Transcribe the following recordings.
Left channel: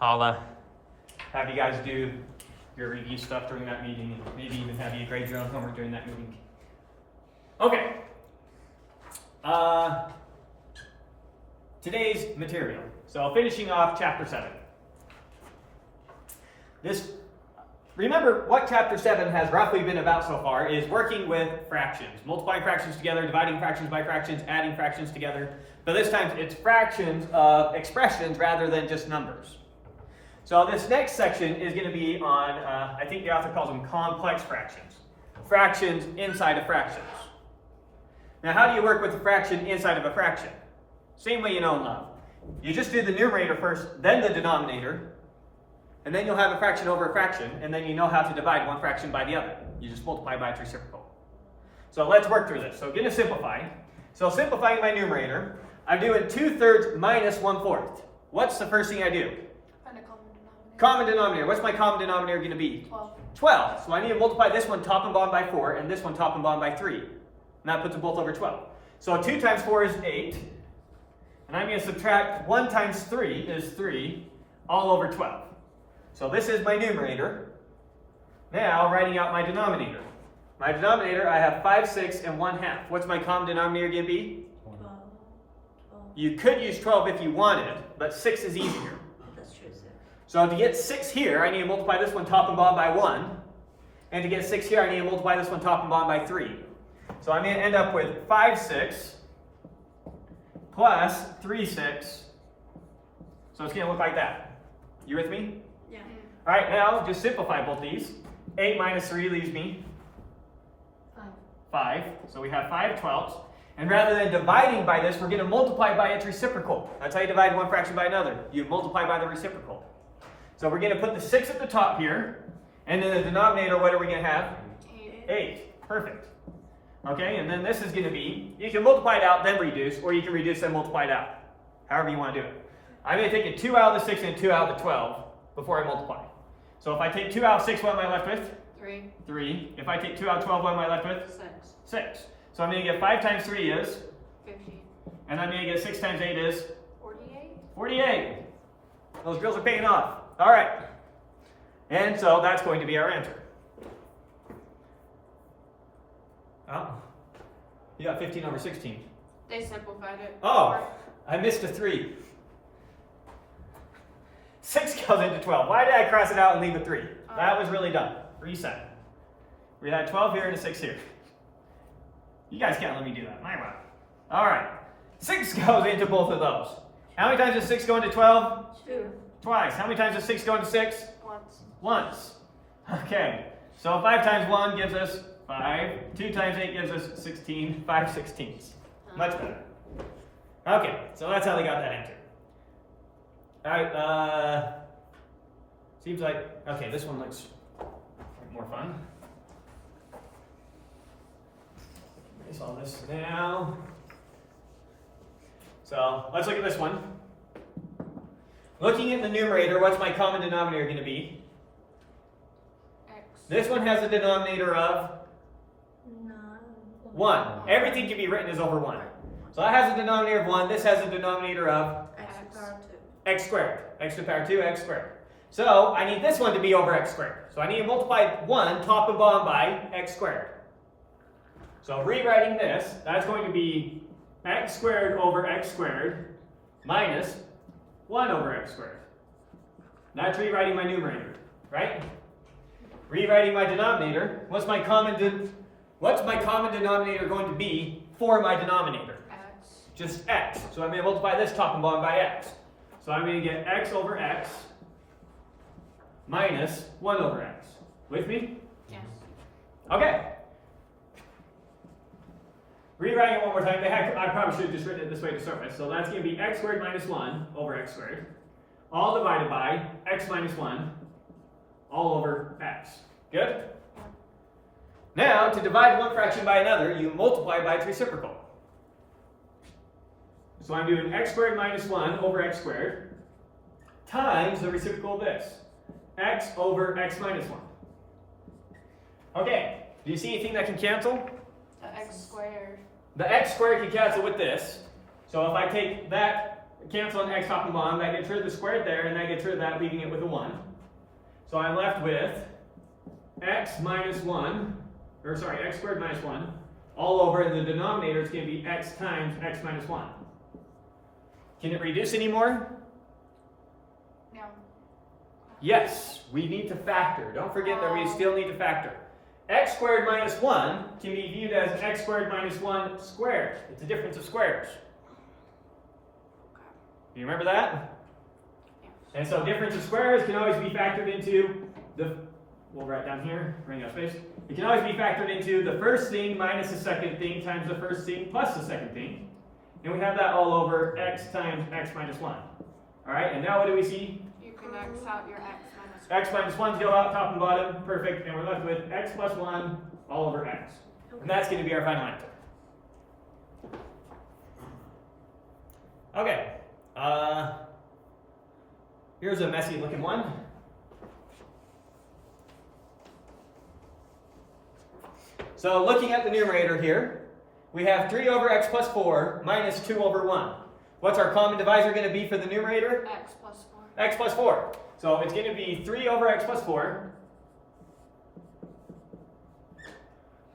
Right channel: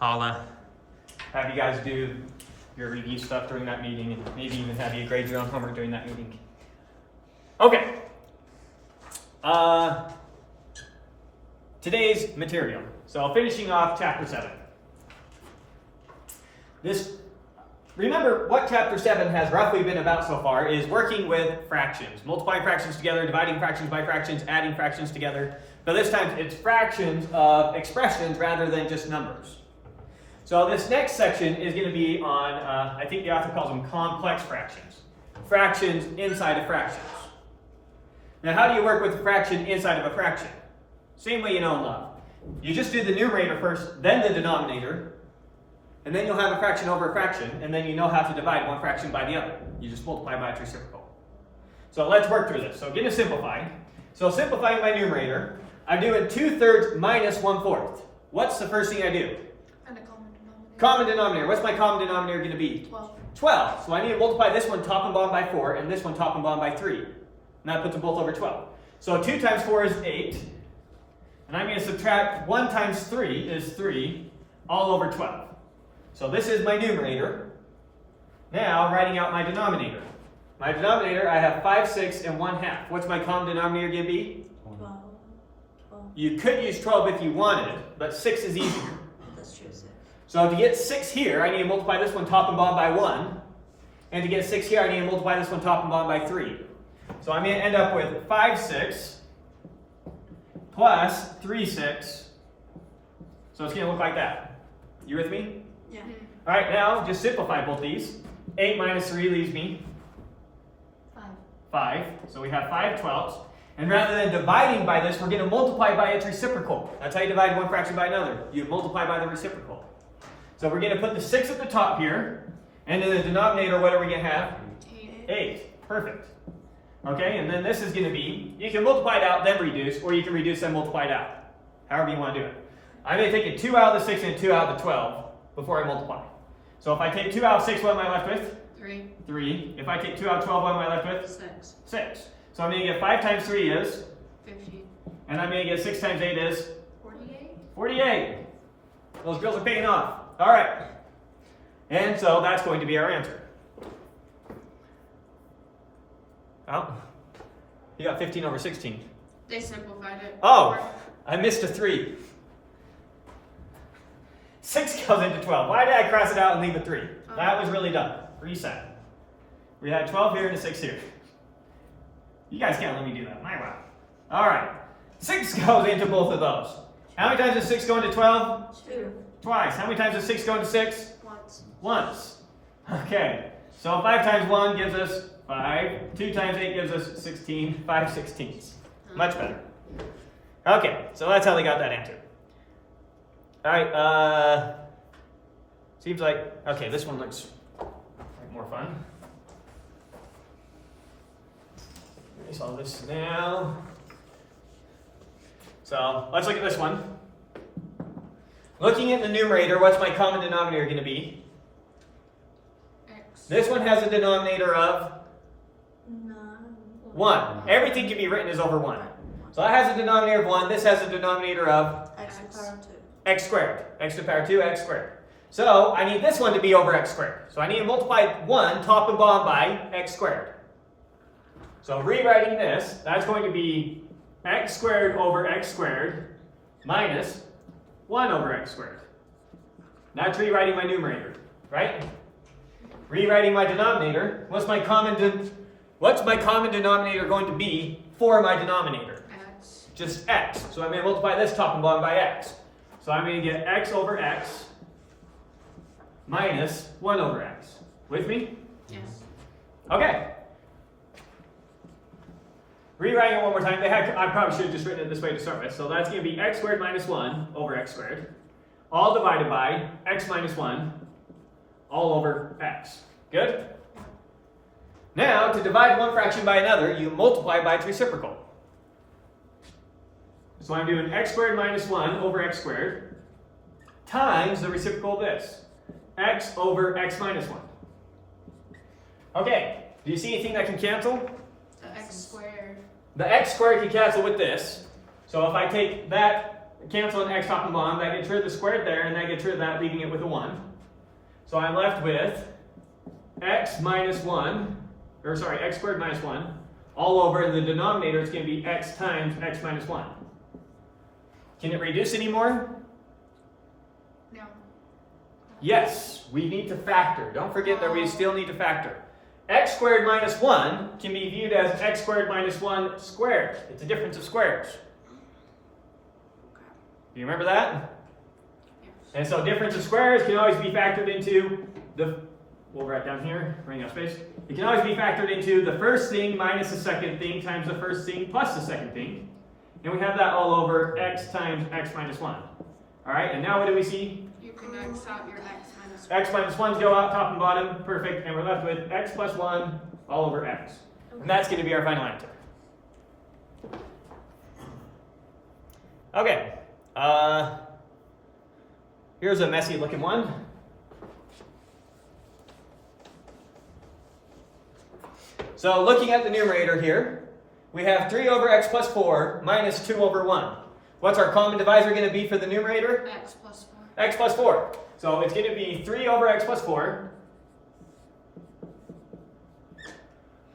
I'll have you guys do your review stuff during that meeting, and maybe even have you grade your own homework during that meeting. Okay. Today's material. So finishing off chapter 7. Remember what chapter 7 has roughly been about so far is working with fractions. Multiplying fractions together, dividing fractions by fractions, adding fractions together. But this time it's fractions of expressions rather than just numbers. So this next section is going to be on, I think the author calls them complex fractions. Fractions inside of fractions. Now how do you work with a fraction inside of a fraction? Same way you know in love. You just do the numerator first, then the denominator, and then you'll have a fraction over a fraction, and then you know how to divide one fraction by the other. You just multiply by its reciprocal. So let's work through this. So going to simplify. So simplifying my numerator, I'm doing 2/3 minus 1/4. What's the first thing I do? Find a common denominator. Common denominator. What's my common denominator going to be? 12. 12. So I need to multiply this one top and bottom by 4, and this one top and bottom by 3. And that puts them both over 12. So 2 times 4 is 8. And I'm going to subtract 1 times 3 is 3, all over 12. So this is my numerator. Now, writing out my denominator. My denominator, I have 5, 6, and 1/2. What's my common denominator going to be? 12. You could use 12 if you wanted, but 6 is easier. That's true. So to get 6 here, I need to multiply this one top and bottom by 1. And to get 6 here, I need to multiply this one top and bottom by 3. So I'm going to end up with 5, 6 plus 3, 6. So it's going to look like that. You with me? Yeah. All right, now just simplify both these. 8 minus 3 leaves me 5. So we have 5/12. And rather than dividing by this, we're going to multiply by its reciprocal. That's how you divide one fraction by another. You multiply by the reciprocal. So we're going to put the 6 at the top here. And in the denominator, what are we going to have? 8. Perfect. Okay, and then this is going to be, you can multiply it out, then reduce, or you can reduce and multiply it out. However you want to do it. I'm going to take a 2 out of the 6 and a 2 out of the 12 before I multiply. So if I take 2 out of 6, what am I left with? 3. 3. If I take 2 out of 12, what am I left with? 6. 6. So I'm going to get 5 times 3 is? 50. And I'm going to get 6 times 8 is? 48. 48. Those girls are paying off. All right. And so that's going to be our answer. Oh, you got 15 over 16. They simplified it. Oh, I missed a 3. 6 goes into 12. Why did I cross it out and leave a 3? That was really dumb. Reset. We had 12 here and a 6 here. You guys can't let me do that. My wow. All right. 6 goes into both of those. How many times does 6 go into 12? 2. Twice. How many times does 6 go into 6? Once. Once. Okay. So 5 times 1 gives us 5. 2 times 8 gives us 16. 5/16. Much better. Okay. So that's how they got that answer. All right. Seems like, okay, this one looks more fun. Erase all this now. So let's look at this one. Looking at the numerator, what's my common denominator going to be? X. This one has a denominator of 1. Everything can be written as over 1. So that has a denominator of 1. This has a denominator of X to the power of 2. x squared. X to the power 2, x squared. So I need this one to be over x squared. So I need to multiply 1 top and bottom by x squared. So rewriting this, that's going to be x squared over x squared minus 1 over x squared. That's rewriting my numerator, right? Rewriting my denominator, what's my common denominator going to be for my denominator? X. Just x. So I'm going to multiply this top and bottom by x. So I'm going to get x over x minus 1 over x. With me? Yes. Okay. Rewriting it one more time. I probably should have just written it this way to start with. So that's going to be x squared minus 1 over x squared, all divided by x minus 1 all over x. Good? Now, to divide one fraction by another, you multiply by its reciprocal. So I'm doing x squared minus 1 over x squared times the reciprocal of this, x over x minus 1. Okay, do you see anything that can cancel? The x squared. The x squared can cancel with this. So if I take that canceling x top and bottom. That gets rid of the squared there, and that gets rid of that, leaving it with a 1. So I'm left with x minus 1, or sorry, x squared minus 1, all over in the denominator. It's going to be x times x minus 1. Can it reduce anymore? No. Yes, we need to factor. Don't forget that we still need to factor. X squared minus 1 can be viewed as x squared minus 1 squared. It's a difference of squares. Do you remember that? Yes. And so difference of squares can always be factored into the, we'll write down here, bring out space. It can always be factored into the first thing minus the second thing times the first thing plus the second thing. And we have that all over x times x minus 1. All right, and now what do we see? You can X out your X minus 1. X minus 1's go out top and bottom, perfect, and we're left with x plus 1 all over x. And that's going to be our final answer. Okay, here's a messy looking one. So looking at the numerator here, we have 3 over x plus 4 minus 2 over 1. What's our common divisor going to be for the numerator? X plus 4. X plus 4. So it's going to be 3 over x plus 4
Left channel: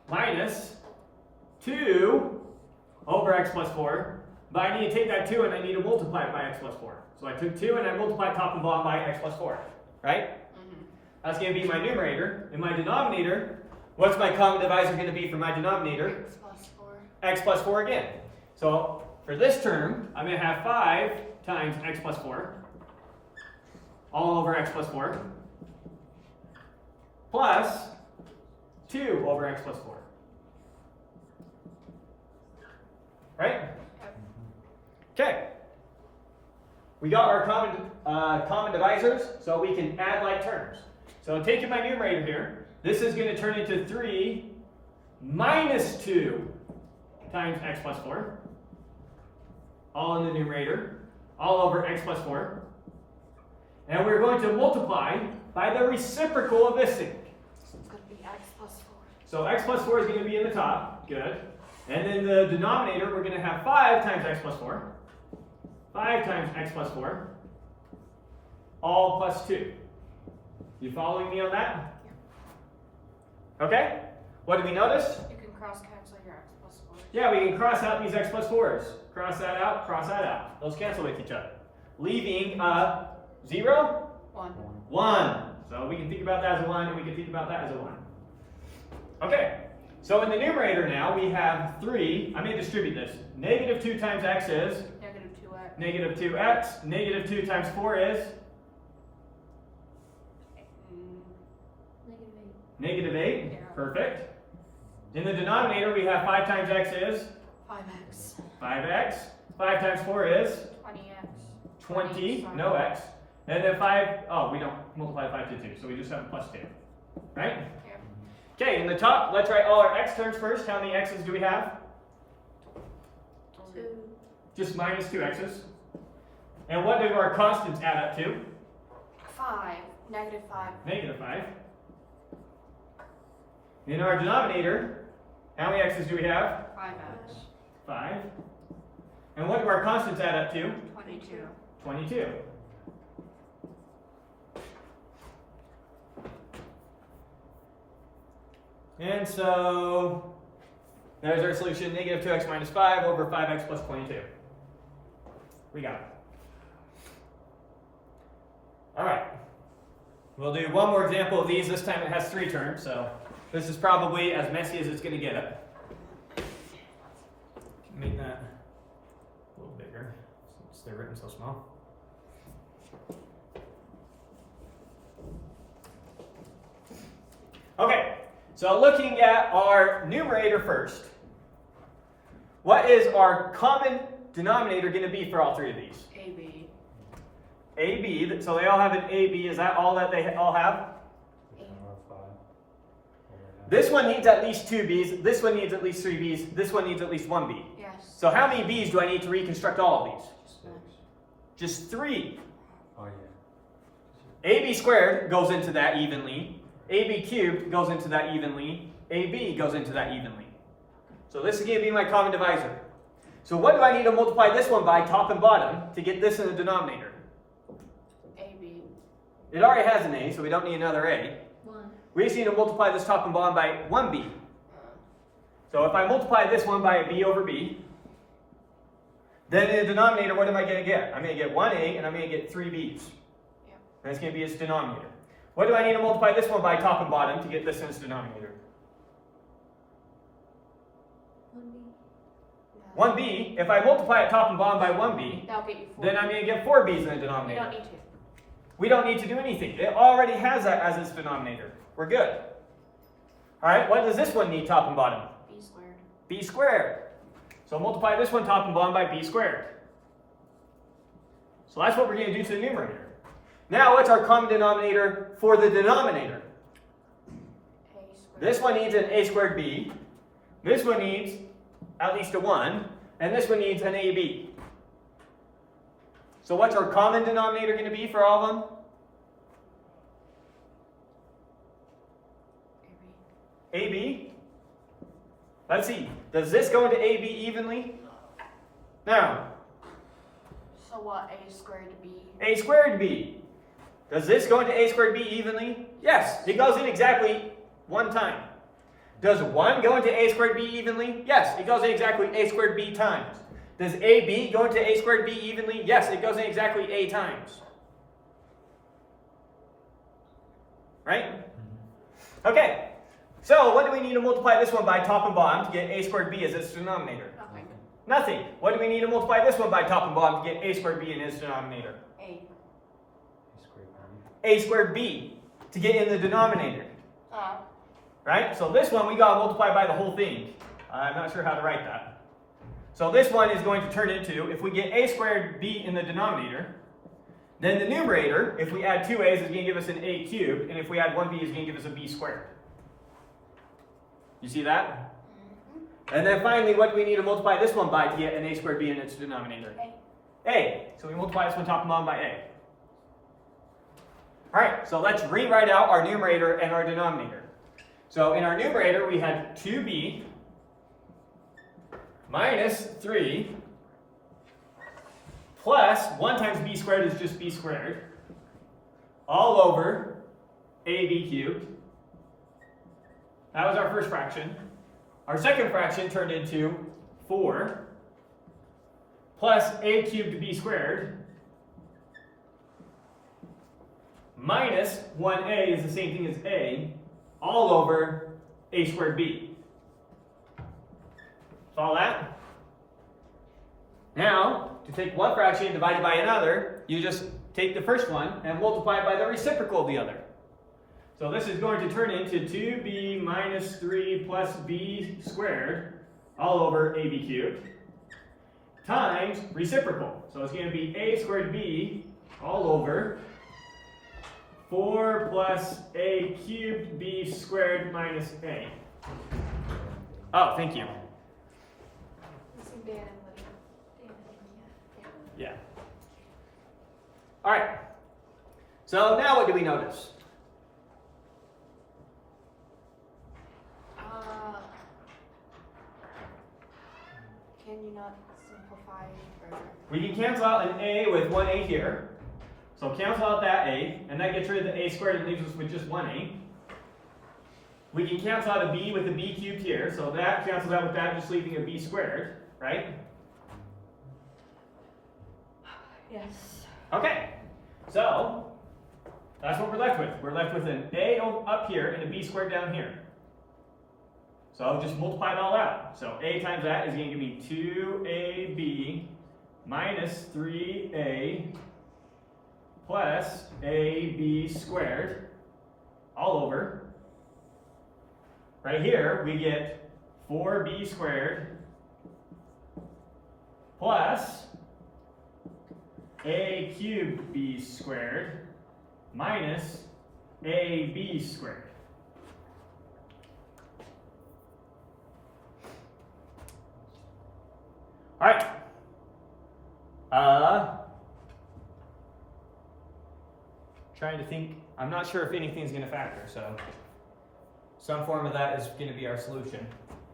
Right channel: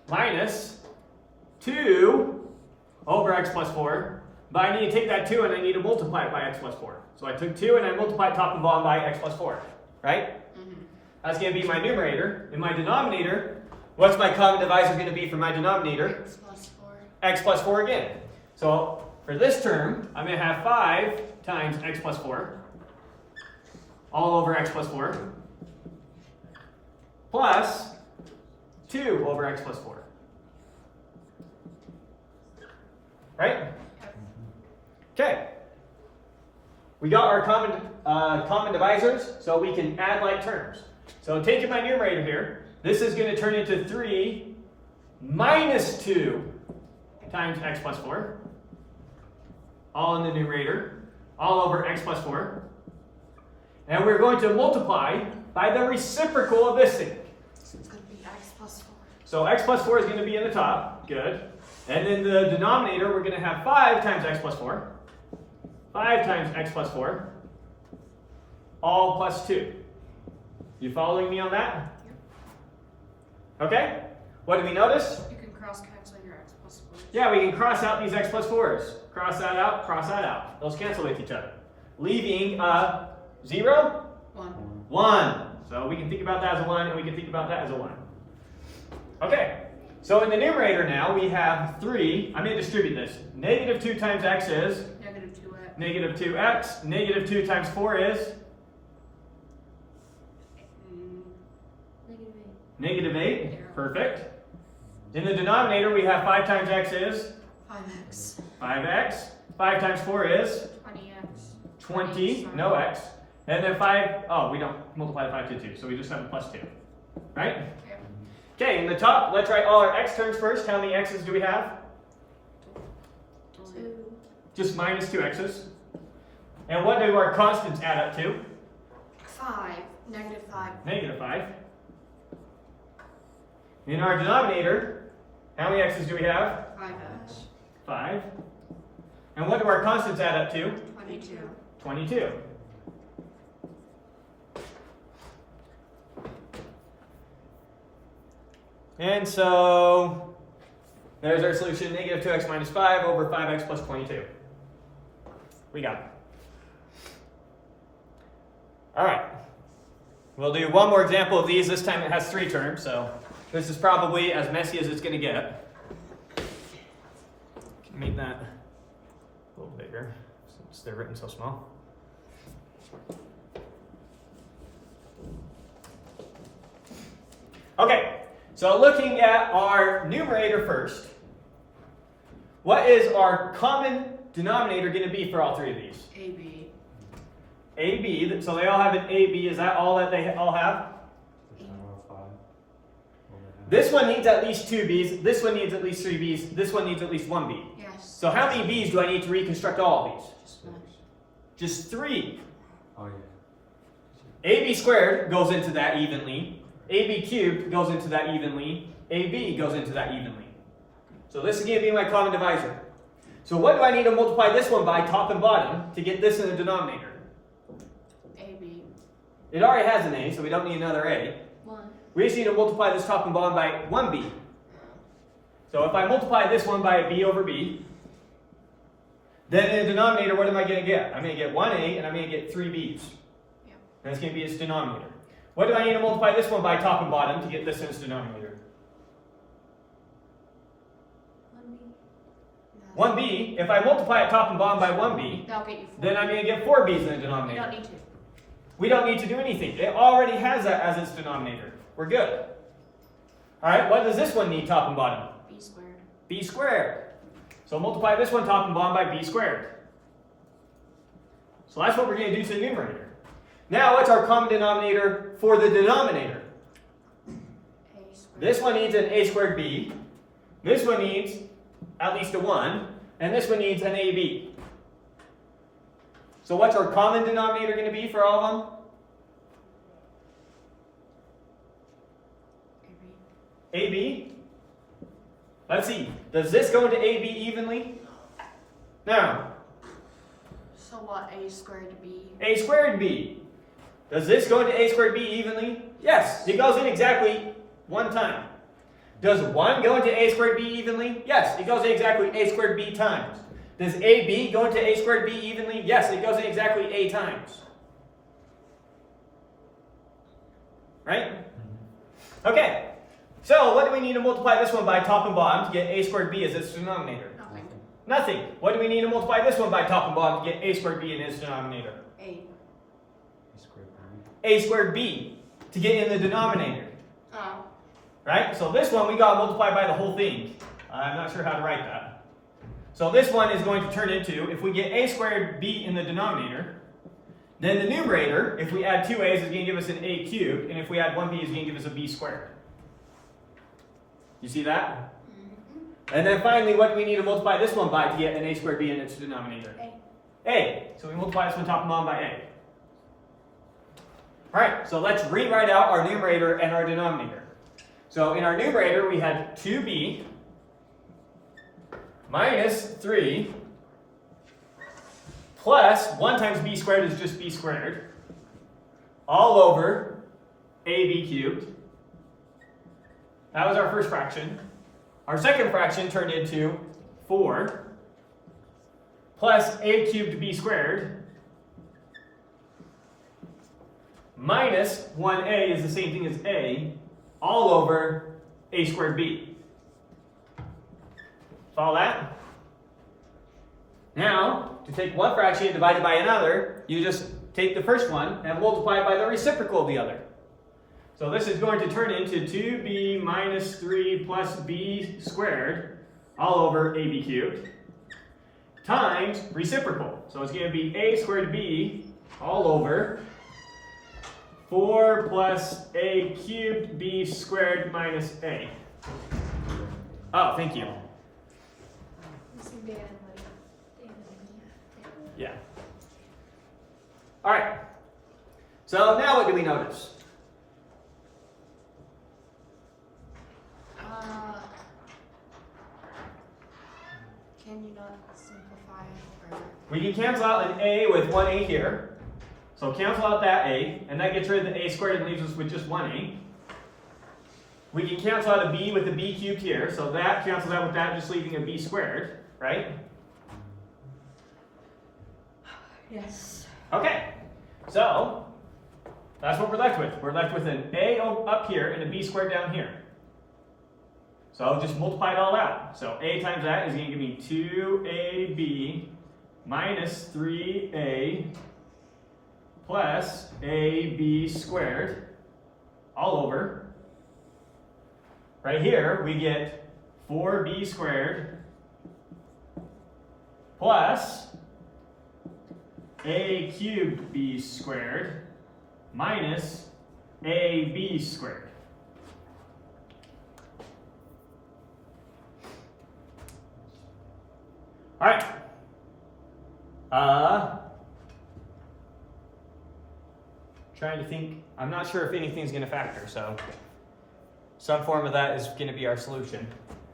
minus 2 over x plus 4. But I need to take that 2 and I need to multiply it by x plus 4. So I took 2 and I multiplied top and bottom by x plus 4. Right? That's going to be my numerator. In my denominator, what's my common divisor going to be for my denominator? X plus 4. X plus 4 again. So for this term, I'm going to have 5 times x plus 4 all over x plus 4 plus 2 over x plus 4. Right? Okay. We got our common divisors, so we can add like terms. So taking my numerator here, this is going to turn into 3 minus 2 times x plus 4, all in the numerator, all over x plus 4. And we're going to multiply by the reciprocal of this thing. So it's going to be X plus 4. So x plus 4 is going to be in the top, good. And then the denominator, we're going to have 5 times x plus 4. 5 times x plus 4, all plus 2. You following me on that? Okay? What do we notice? You can cross cancel your X plus 4. Yeah, we can cross out these x plus 4s. Cross that out, cross that out. Those cancel with each other. Leaving 0? 1. 1. So we can think about that as a 1, and we can think about that as a 1. Okay, so in the numerator now, we have 3. I'm going to distribute this. Negative 2 times x is? Negative 2x. Negative 2x. Negative 2 times 4 is? Negative 8. Negative 8. Yeah. Perfect. In the denominator, we have 5 times x is? 5x. 5x. 5 times 4 is? 20x. 20. No x. And then 5, oh, we don't multiply 5 to 2, so we just have a plus 2. Right? Yeah. Okay, in the top, let's write all our x terms first. How many x's do we have? 2. Just minus 2 x's. And what do our constants add up to? 5. Negative 5. Negative 5. In our denominator, how many x's do we have? 5x. 5. And what do our constants add up to? 22. 22. And so, there's our solution, negative 2x minus 5 over 5x plus 22. We got it. All right. We'll do one more example of these. This time it has 3 terms, so this is probably as messy as it's going to get. Can make that a little bigger since they're written so small. Okay, so looking at our numerator first, what is our common denominator going to be for all 3 of these? AB. AB, so they all have an AB. Is that all that they all have? This one needs at least 2 B's, this one needs at least 3 B's, this one needs at least 1 B. Yes. So how many B's do I need to reconstruct all of these? Just one. Just 3. Oh, yeah. AB squared goes into that evenly. AB cubed goes into that evenly. AB goes into that evenly. So this is going to be my common divisor. So what do I need to multiply this one by, top and bottom, to get this in the denominator? AB. It already has an a, so we don't need another a. 1. We just need to multiply this top and bottom by 1b. So if I multiply this one by b over b, then in the denominator, what am I going to get? I'm going to get 1a and I'm going to get 3b's. Yeah. And it's going to be its denominator. What do I need to multiply this one by, top and bottom, to get this in its denominator? 1b. If I multiply it top and bottom by 1b, That'll get you 4. then I'm going to get 4b's in the You denominator. don't need to. We don't need to do anything. It already has that as its denominator. We're good. All right, what does this one need, top and bottom? B squared. B squared. So multiply this one top and bottom by b squared. So that's what we're going to do to the numerator. Now, what's our common denominator for the denominator? A squared. This one needs an a squared b. This one needs at least a 1. And this one needs an ab. So what's our common denominator going to be for all of them? AB. AB? Let's see. Does this go into AB evenly? No. So what? A squared B. A squared B. Does this go into A squared B evenly? Yes. It goes in exactly one time. Does 1 go into A squared B evenly? Yes. It goes in exactly A squared B times. Does AB go into A squared B evenly? Yes. It goes in exactly A times. Right? Okay. So what do we need to multiply this one by, top and bottom, to get A squared B as its denominator? Nothing. Nothing. What do we need to multiply this one by, top and bottom, to get A squared B in its denominator? A. A squared B to get in the denominator. Oh. Right? So this one we got to multiply by the whole thing. I'm not sure how to write that. So this one is going to turn into, if we get A squared B in the denominator, then the numerator, if we add 2 a's, is going to give us an A cubed, and if we add 1b, is going to give us a B squared. You see that? Mm-hmm. And then finally, what do we need to multiply this one by to get an A squared B in its denominator? A. A. So we multiply this one top and bottom by A. Alright, so let's rewrite out our numerator and our denominator. So in our numerator, we had 2b minus 3 plus 1 times b squared is just b squared, all over ab cubed. That was our first fraction. Our second fraction turned into 4 plus a cubed b squared minus 1a is the same thing as a, all over a squared b. Follow that? Now, to take one fraction and divide it by another, you just take the first one and multiply it by the reciprocal of the other. So this is going to turn into 2b minus 3 plus b squared, all over ab cubed, times reciprocal. So it's going to be a squared b, all over 4 plus a cubed b squared minus a. Oh, thank you. Yeah. All right. So now what do we notice? Can you not simplify further? We can cancel out an a with 1a here. So cancel out that a, and that gets rid of the a squared and leaves us with just 1a. We can cancel out a b with a b cubed here, so that cancels out with that, just leaving a b squared, right? Yes. Okay, so that's what we're left with. We're left with an a up here and a b squared down here. So just multiply it all out. So a times that is going to give me 2ab minus 3a plus ab squared, all over. Right here, we get 4b squared plus a cubed b squared minus ab squared. All right. Trying to think. I'm not sure if anything's going to factor, so some form of that is going to be our solution.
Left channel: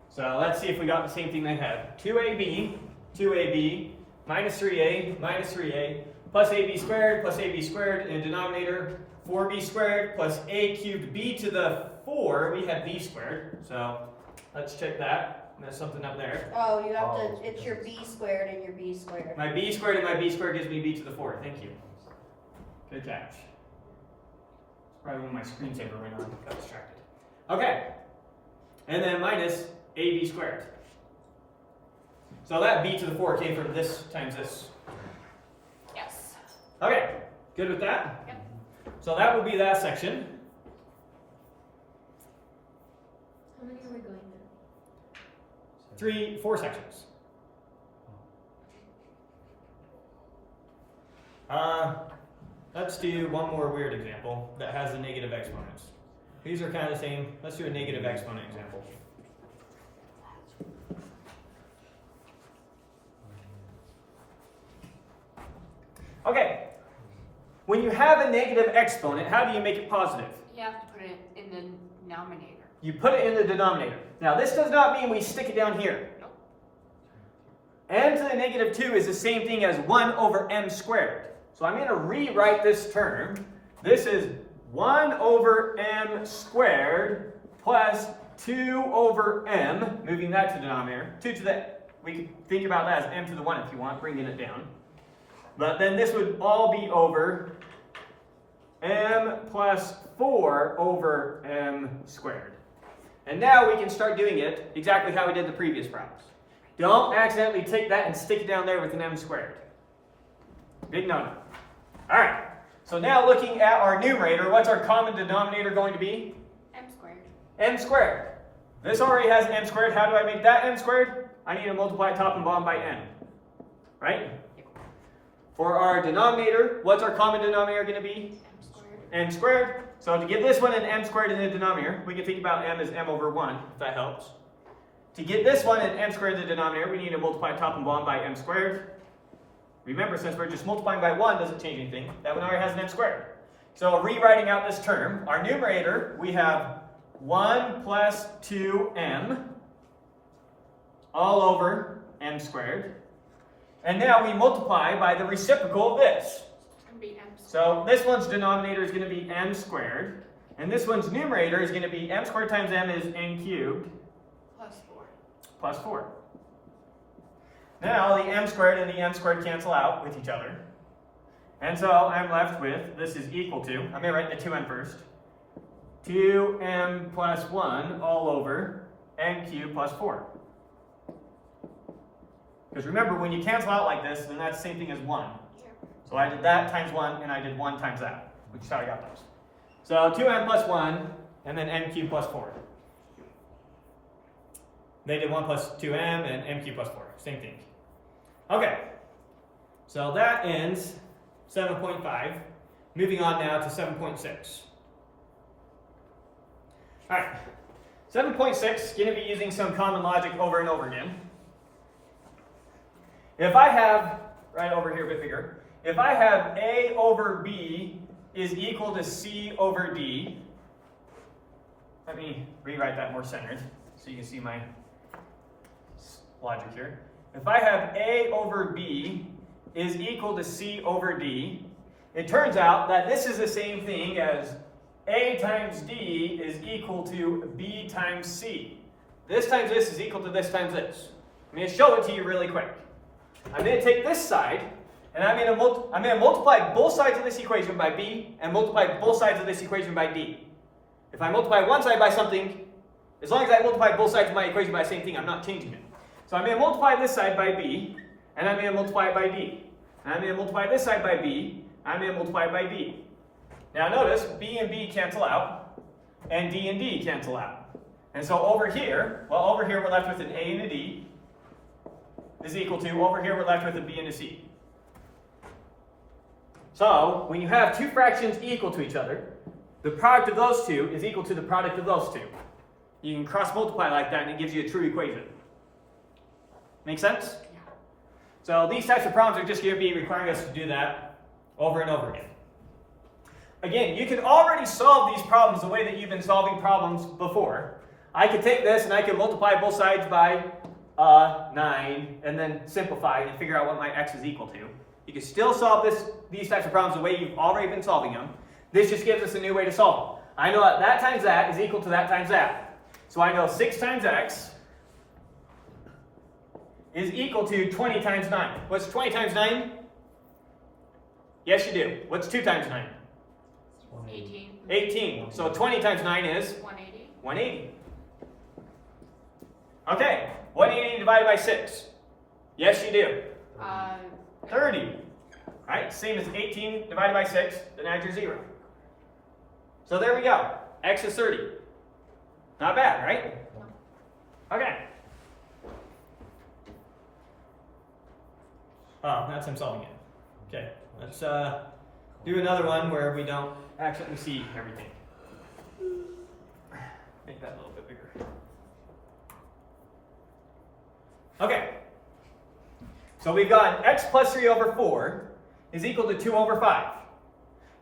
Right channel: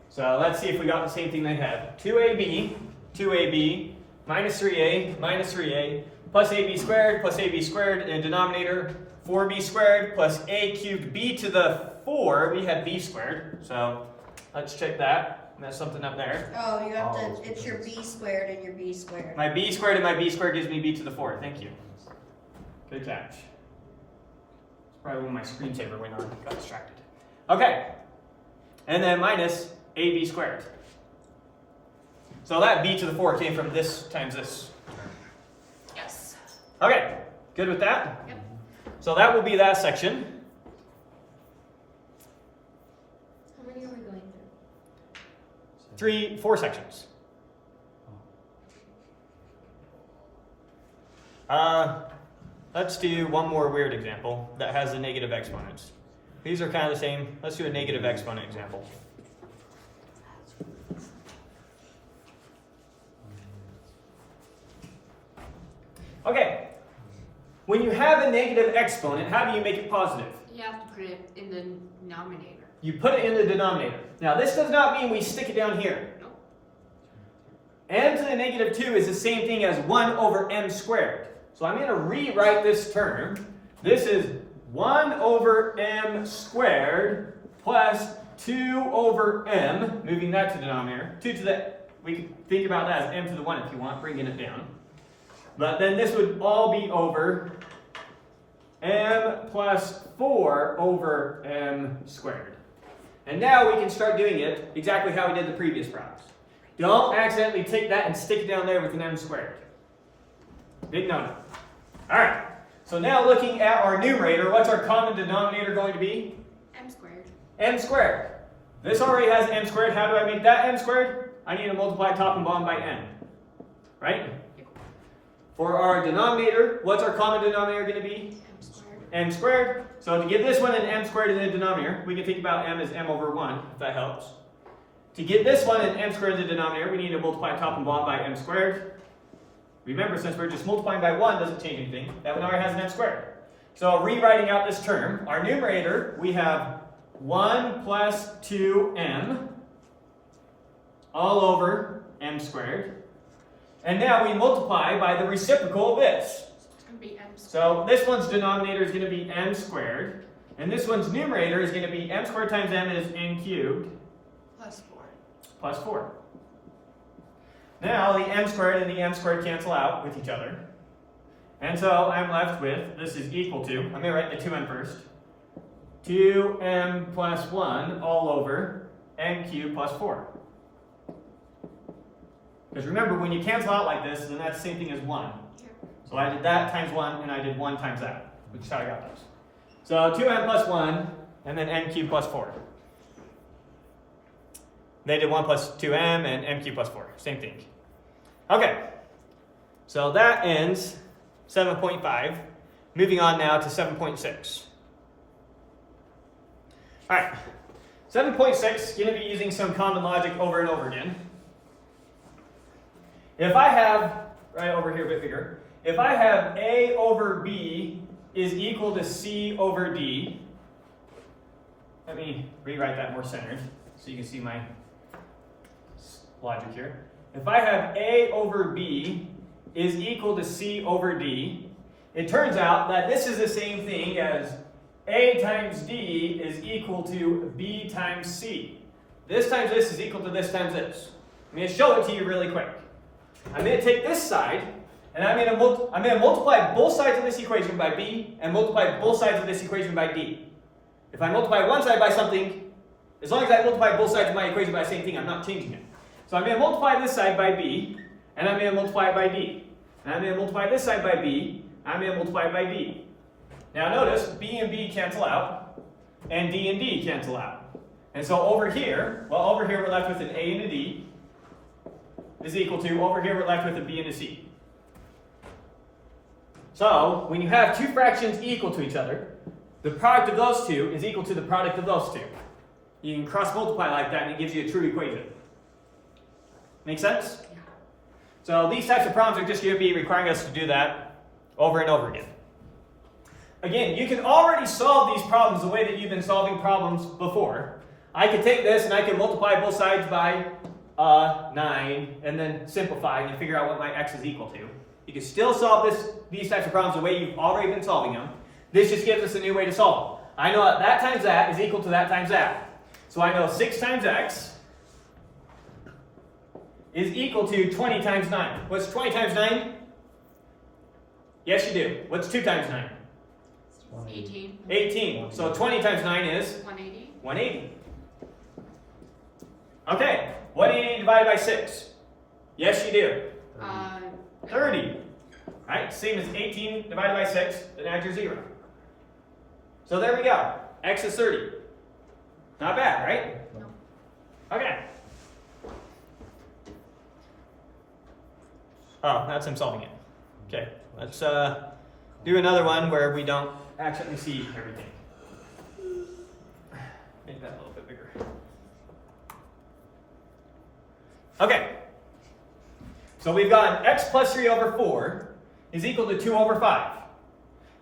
So let's see if we got the same thing they had. 2ab 2ab minus 3a plus ab squared in denominator 4b squared plus a cubed b to the 4. We had b squared, so let's check that. That's something up there. Oh, you have to, it's your b squared and your b squared. My b squared and my b squared gives me b to the 4. Thank you. Good catch. Probably when my screensaver went on, got distracted. Okay. And then minus ab squared. So that b to the 4 came from this times this. Yes. Okay. Good with that? Yep. So that will be that section. How many are we going through? 4 sections. Let's do one more weird example that has the negative exponents. These are kind of the same. Let's do a negative exponent example. Okay. When you have a negative exponent, how do you make it positive? You have to put it in the denominator. You put it in the denominator. Now, this does not mean we stick it down here. No. M to the negative 2 is the same thing as 1 over m squared. So I'm going to rewrite this term. This is 1 over m squared plus 2 over m, moving that to denominator. 2 to the, we can think about that as m to the 1 if you want, bringing it down. But then this would all be over m plus 4 over m squared. And now we can start doing it exactly how we did the previous problems. Don't accidentally take that and stick it down there with an m squared. Big no-no. All right. So now looking at our numerator, what's our common denominator going to be? M squared. M squared. This already has m squared. How do I make that m squared? I need to multiply top and bottom by n. Right? For our denominator, what's our common denominator going to be? M squared. M squared. So to give this one an m squared in the denominator, we can think about m as m over 1, if that helps. To get this one an m squared in the denominator, we need to multiply top and bottom by m squared. Remember, since we're just multiplying by 1, doesn't change anything. That one already has an m squared. So rewriting out this term, our numerator, we have 1 plus 2m all over m squared. And now we multiply by the reciprocal of this. It's going to be m squared. So this one's denominator is going to be m squared. And this one's numerator is going to be m squared times m is n cubed. Plus 4. Plus 4. Now the m squared and the m squared cancel out with each other. And so I'm left with, this is equal to, I'm going to write the 2m first. 2m plus 1 all over m cubed plus 4. Because remember, when you cancel out like this, then that's the same thing as 1. So I did that times 1, and I did 1 times that, which is how I got those. So 2m plus 1, and then m cubed plus 4. They did 1 plus 2m and m cubed plus 4. Same thing. Okay. So that ends 7.5. Moving on now to 7.6. All right. 7.6, going to be using some common logic over and over again. If I have, right over here a bit bigger, if I have a over b is equal to c over d, let me rewrite that more centered so you can see my logic here. If I have a over b is equal to c over d, it turns out that this is the same thing as a times d is equal to b times c. This times this is equal to this times this. I'm going to show it to you really quick. I'm going to take this side, and I'm going to multiply both sides of this equation by b, and multiply both sides of this equation by d. If I multiply one side by something, as long as I multiply both sides of my equation by the same thing, I'm not changing it. So I'm going to multiply this side by b, and I'm going to multiply it by d. And I'm going to multiply this side by b, and I'm going to multiply it by d. Now notice, b and b cancel out, and d cancel out. And so over here we're left with an a and a d, is equal to, over here we're left with a b and a c. So, when you have two fractions equal to each other, the product of those two is equal to the product of those two. You can cross multiply like that and it gives you a true equation. Make sense? So these types of problems are just going to be requiring us to do that over and over again. Again, you can already solve these problems the way that you've been solving problems before. I could take this and I can multiply both sides by 9, and then simplify and figure out what my x is equal to. You can still solve these types of problems the way you've already been solving them. This just gives us a new way to solve them. I know that times that is equal to that times that. So I know 6 times x is equal to 20 times 9. What's 20 times 9? Yes, you do. What's 2 times 9? 18. 18. So 20 times 9 is 180. 180. Okay, 180 divided by 6. Yes, you do. 30. Right? Same as 18 divided by 6, then add your 0. So there we go. X is 30. Not bad, right? No. Okay. Oh, that's him solving it. Okay, let's do another one where we don't accidentally see everything. Make that a little bit bigger. Okay. So we've got x plus 3 over 4 is equal to 2 over 5.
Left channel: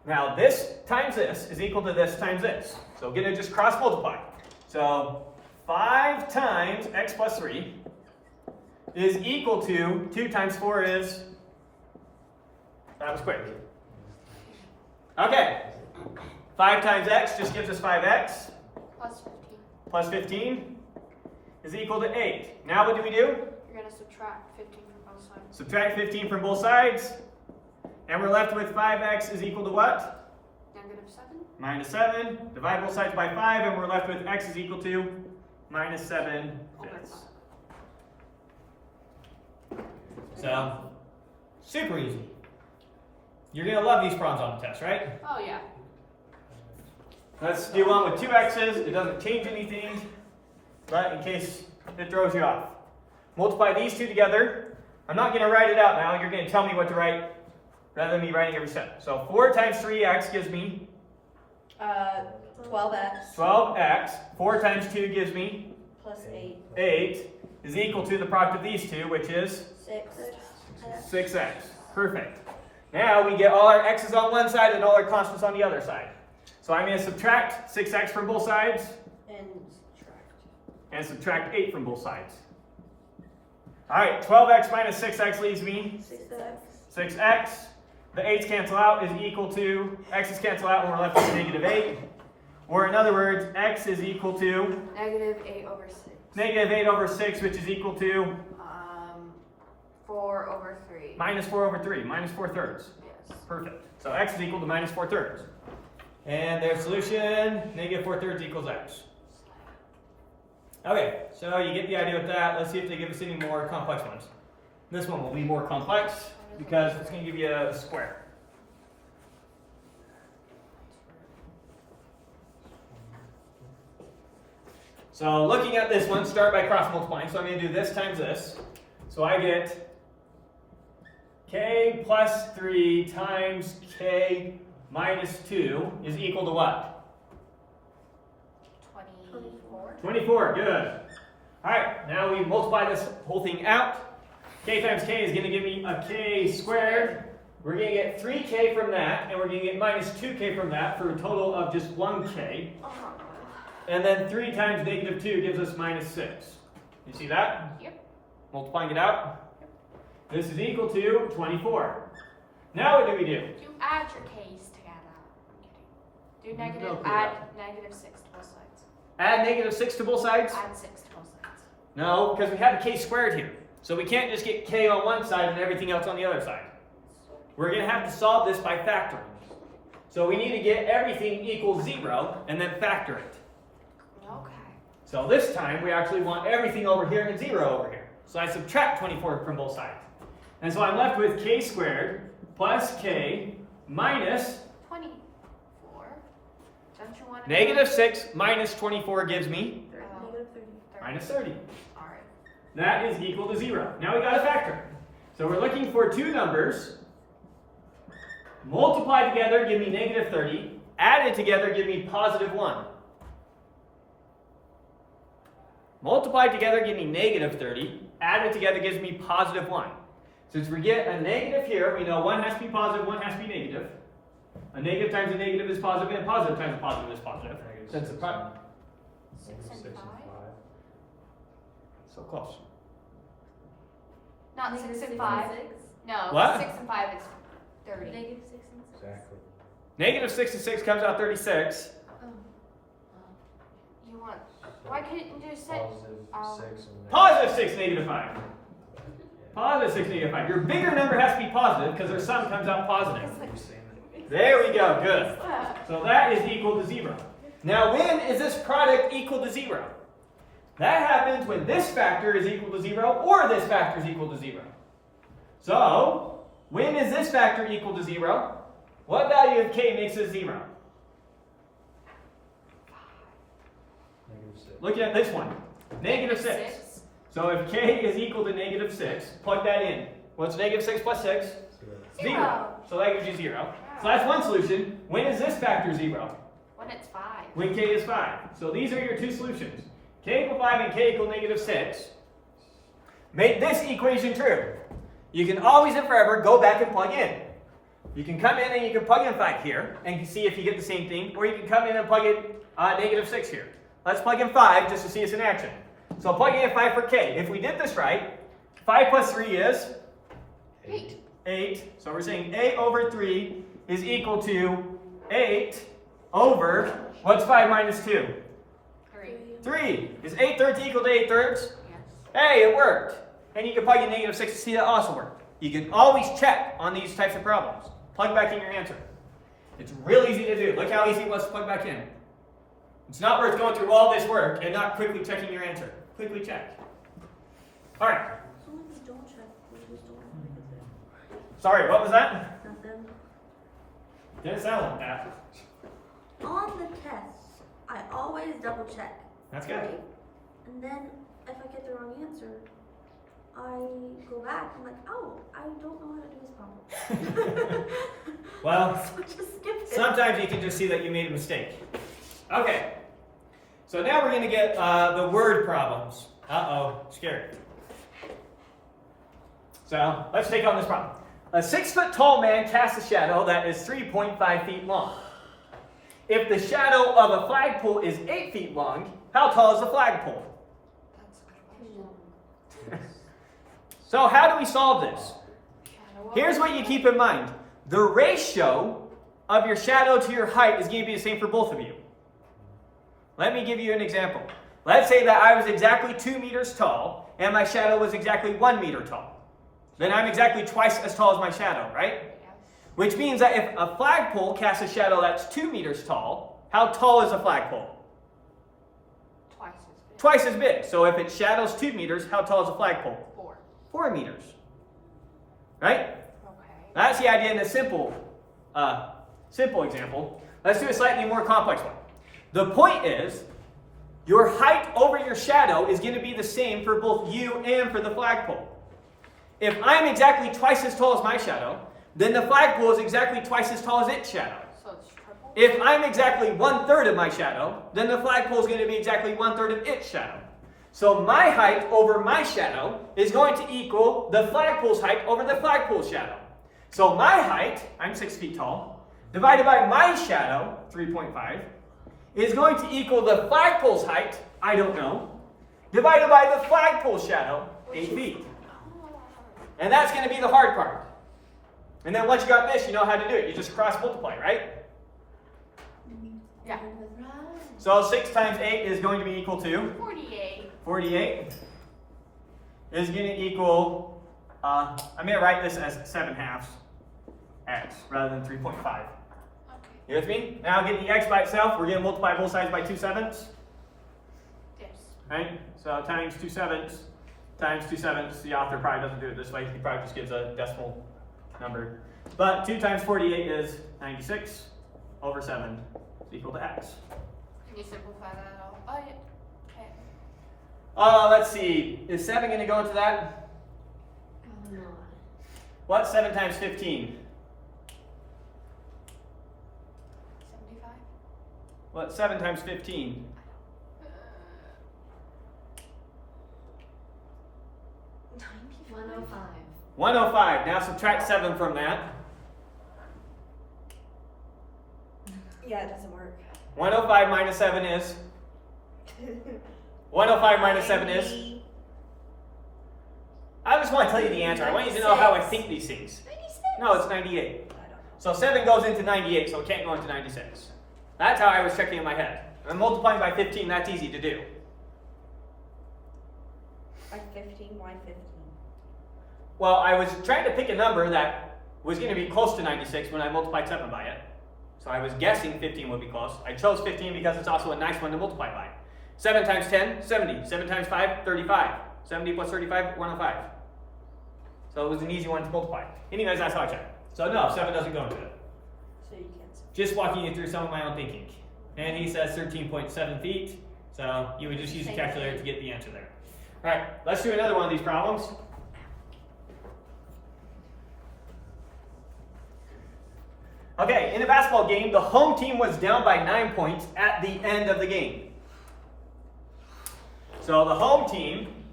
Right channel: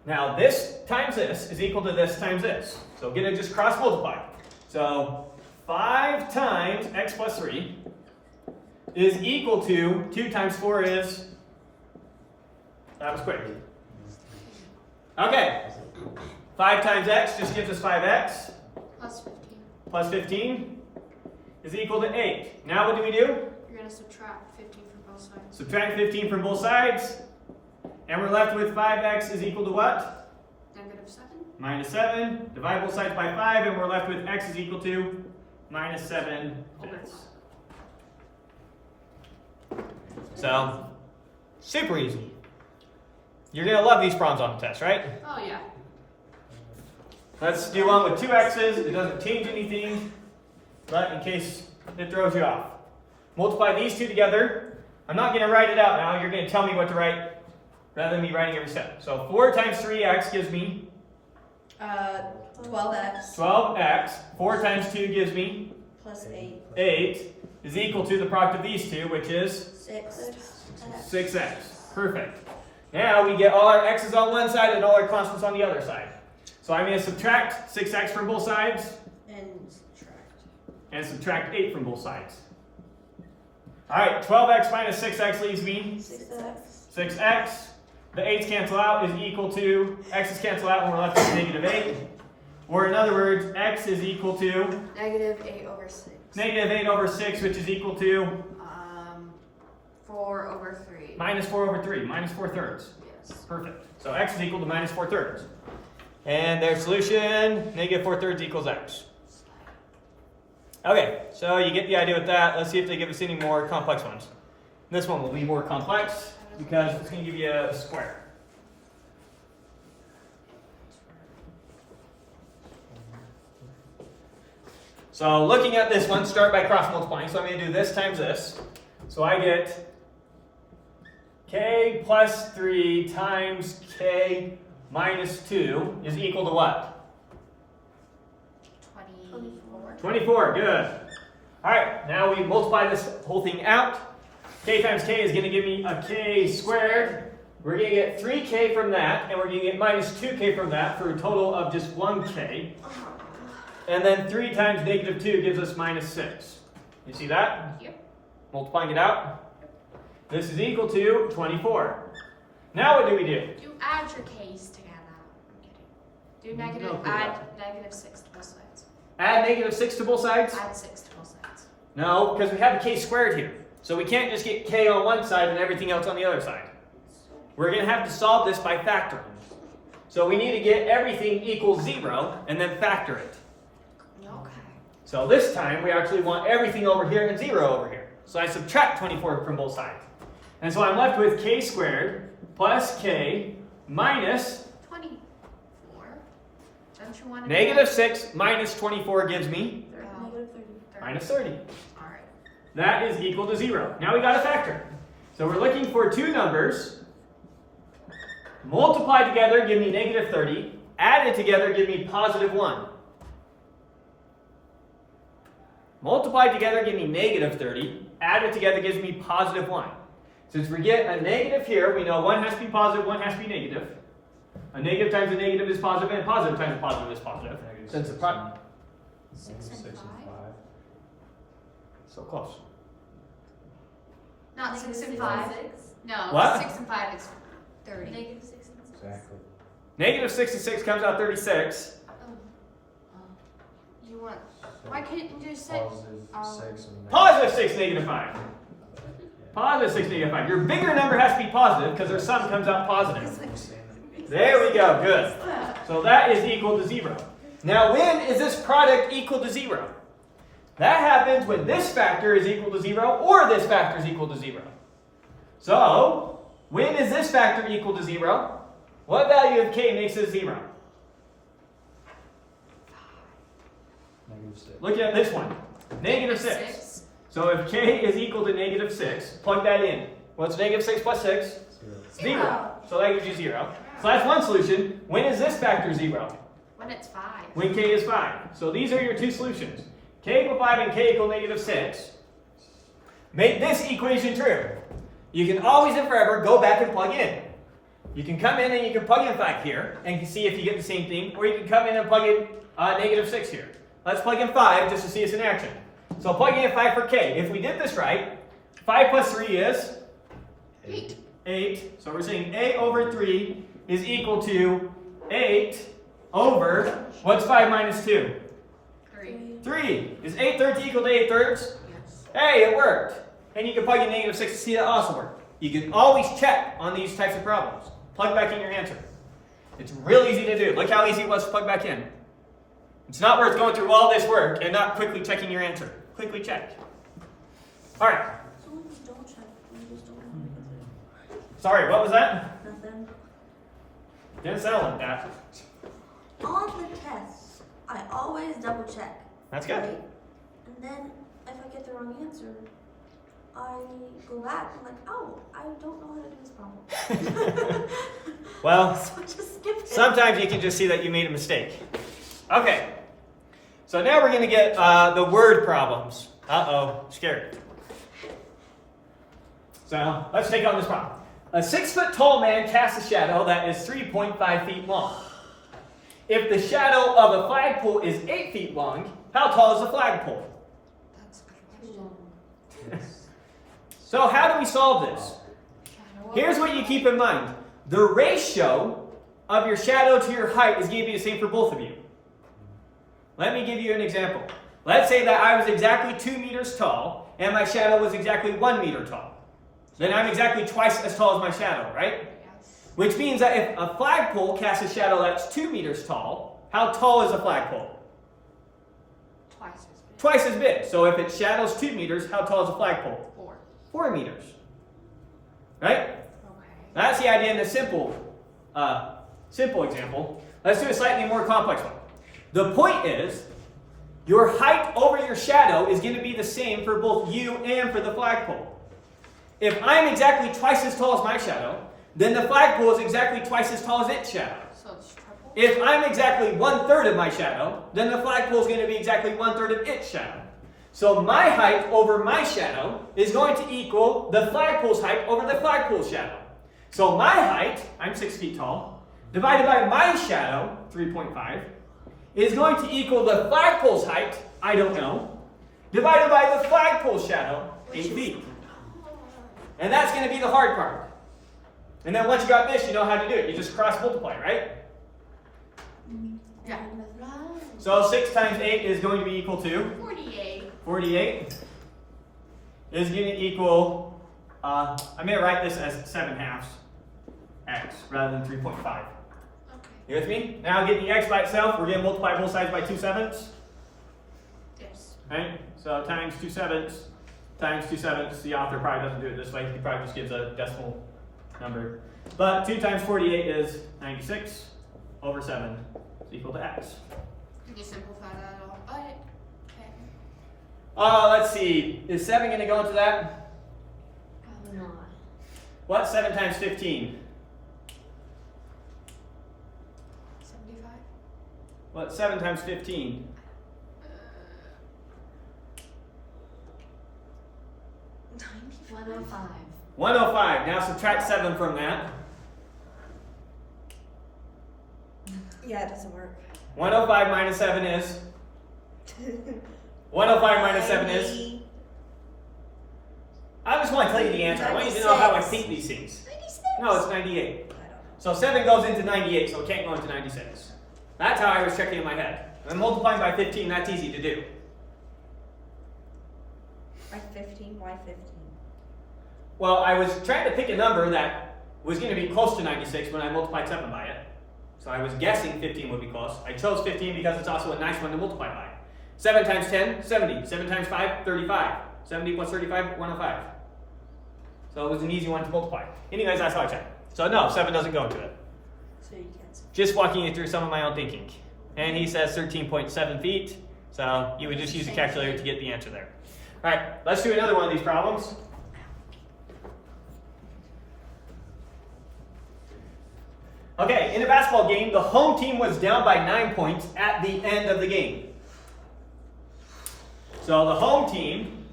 Now this times this is equal to this times this. So we're going to just cross multiply. So 5 times x plus 3 is equal to 2 times 4 is, that was quick. Okay. 5 times x just gives us 5x. Plus 15. Plus 15 is equal to 8. Now what do? You're going to subtract 15 from both sides. Subtract 15 from both sides. And we're left with 5x is equal to what? -7. Minus 7. Divide both sides by 5, and we're left with x is equal to minus 7 fifths. So, super easy. You're going to love these problems on the test, right? Oh, yeah. Let's do one with 2 x's. It doesn't change anything, but in case it throws you off. Multiply these two together. I'm not going to write it out now. You're going to tell me what to write rather than me writing every step. So 4 times 3x gives me 12x 12x. 4 times 2 gives me plus 8. 8 is equal to the product of these two, which is 6x. Perfect. Now we get all our x's on one side and all our constants on the other side. So I'm going to subtract 6x from both sides and subtract 8 from both sides. All right, 12x minus 6x leaves me 6x. The 8's cancel out is equal to, x's cancel out, and we're left with negative 8. Or in other words, x is equal to -8 over 6. negative 8 over 6, which is equal to 4 over 3. minus 4 over 3, minus 4/3. Yes. Perfect. So x is equal to minus 4/3. And their solution, negative 4/3 equals x. Okay, so you get the idea with that. Let's see if they give us any more complex ones. This one will be more complex because it's going to give you a square. So looking at this one, start by cross multiplying. So I'm going to do this times this. So I get k plus 3 times k minus 2 is equal to what? 24. 24, good. All right, now we multiply this whole thing out. K times k is going to give me a k squared. We're going to get 3k from that, and we're going to get minus 2k from that for a total of just 1k. And then 3 times negative 2 gives us minus 6. You see that? Yep. Multiplying it out. This is equal to 24. Now what do we do? You add your k's to that out. Do negative, No clue. add -6 to both sides. Add negative 6 to both sides? Add 6 to both sides. No, because we have a k squared here. So we can't just get k on one side and everything else on the other side. We're going to have to solve this by factoring. So we need to get everything equals 0 and then factor it. Okay. So this time we actually want everything over here and 0 over here. So I subtract 24 from both sides. And so I'm left with k squared plus k minus 24. Don't you want to negative 6 minus 24 gives me minus 30. All right. That is equal to 0. Now we got to factor. So we're looking for two numbers. Multiply together, give me negative 30. Added together, give me positive 1. Multiply together, give me negative 30. Added together gives me positive 1. Since we get a negative here, we know one has to be positive, one has to be negative. A negative times a negative is positive, and a positive times a positive is positive. Since the product. 6 and 5. So close. Not 6 and 5. No, What? 6 and 5 is 30. Negative 6 and 6. Exactly. Negative 66 comes out 36. You want? Why couldn't you do 6? Positive 6 and Positive 6, negative 5. Positive 6, negative 5. Your bigger number has to be positive because their sum comes out positive. There we go, good. So that is equal to 0. Now when is this product equal to 0? That happens when this factor is equal to 0 or this factor is equal to 0. So, when is this factor equal to 0? What value of k makes it 0? negative 6. Look at this one. Negative 6. So if k is equal to negative 6, plug that in. What's negative 6 plus 6? 0. So that gives you 0. So that's one solution. When is this factor 0? When it's 5. When k is 5. So these are your two solutions. K equal 5 and k equal negative 6. Make this equation true. You can always and forever go back and plug in. You can come in and you can plug in 5 here and see if you get the same thing, or you can come in and plug in negative 6 here. Let's plug in 5 just to see it's in action. So plugging in 5 for k. If we did this right, 5 plus 3 is 8. So we're saying a over 3 is equal to 8 over, what's 5 minus 2? 3. 3. Is 8 thirds equal to 8 thirds? Yes. Hey, it worked. And you can plug in negative 6 to see that also worked. You can always check on these types of problems. Plug back in your answer. It's real easy to do. Look how easy it was to plug back in. It's not worth going through all this work and not quickly checking your answer. Quickly check. All right. So when we don't check, we just don't want to. Sorry, what was that? Nothing. Didn't sound like that. On the tests, I always double check. That's good. Right? And then if I get the wrong answer, I go back and I'm like, oh, I don't know how to do this problem. Well, So I just skip it. sometimes you can just see that you made a mistake. Okay. So now we're going to get the word problems. Uh-oh, scared. So let's take on this problem. A 6-foot-tall man casts a shadow that is 3.5 feet long. If the shadow of a flagpole is 8 feet long, how tall is the flagpole? That's a good question. So how do we solve this? Here's what you keep in mind. The ratio of your shadow to your height is going to be the same for both of you. Let me give you an example. Let's say that I was exactly 2 meters tall and my shadow was exactly 1 meter tall. Then I'm exactly twice as tall as my shadow, right? Yes. Which means that if a flagpole casts a shadow that's 2 meters tall, how tall is a flagpole? Twice as big. Twice as big. So if its shadow's 2 meters, how tall is a flagpole? 4. 4 meters. Right? Okay. That's the idea in the simple example. Let's do a slightly more complex one. The point is, your height over your shadow is going to be the same for both you and for the flagpole. If I'm exactly twice as tall as my shadow, then the flagpole is exactly twice as tall as its shadow. So it's triple? If I'm exactly 1/3 of my shadow, then the flagpole is going to be exactly 1/3 of its shadow. So my height over my shadow is going to equal the flagpole's height over the flagpole's shadow. So my height, I'm 6 feet tall, divided by my shadow, 3.5, is going to equal the flagpole's height, I don't know, divided by the flagpole's shadow, 8 feet. And that's going to be the hard part. And then once you got this, you know how to do it. You just cross multiply, right? Yeah. So 6 times 8 is going to be equal to 48. 48 is going to equal, I'm going to write this as 7/2 x rather than 3.5. Okay. You with me? Now getting the x by itself, we're going to multiply both sides by 2/7. Yes. Right? So times 2/7 times 2/7. The author probably doesn't do it this way. He probably just gives a decimal number. But 2 times 48 is 96 over 7 is equal to x. Can you simplify that all? Oh, yeah. Okay. Let's see. Is 7 going to go into that? Probably not. What's 7 times 15? 75? What's 7 times 15? 105. 105. Now subtract 7 from that. Yeah, it doesn't work. 105 minus 7 is? 105 minus 7 is? I just want to tell you the answer. I want you to know how I think these things. 96. No, it's 98. I don't know. So 7 goes into 98, so it can't go into 96. That's how I was checking in my head. And multiplying by 15, that's easy to do. By 15, why 15? Well, I was trying to pick a number that was going to be close to 96 when I multiplied 7 by it. So I was guessing 15 would be close. I chose 15 because it's also a nice one to multiply by. 7 times 10, 70. 7 times 5, 35. 70 plus 35, 105. So it was an easy one to multiply. Anyways, that's how I checked. So no, 7 doesn't go into it. So you can't say. Just walking you through some of my own thinking. And he says 13.7 feet. So you would just use a calculator to get the answer there. All right, let's do another one of these problems. Okay, in a basketball game, the home team was down by 9 points at the end of the game. So the home team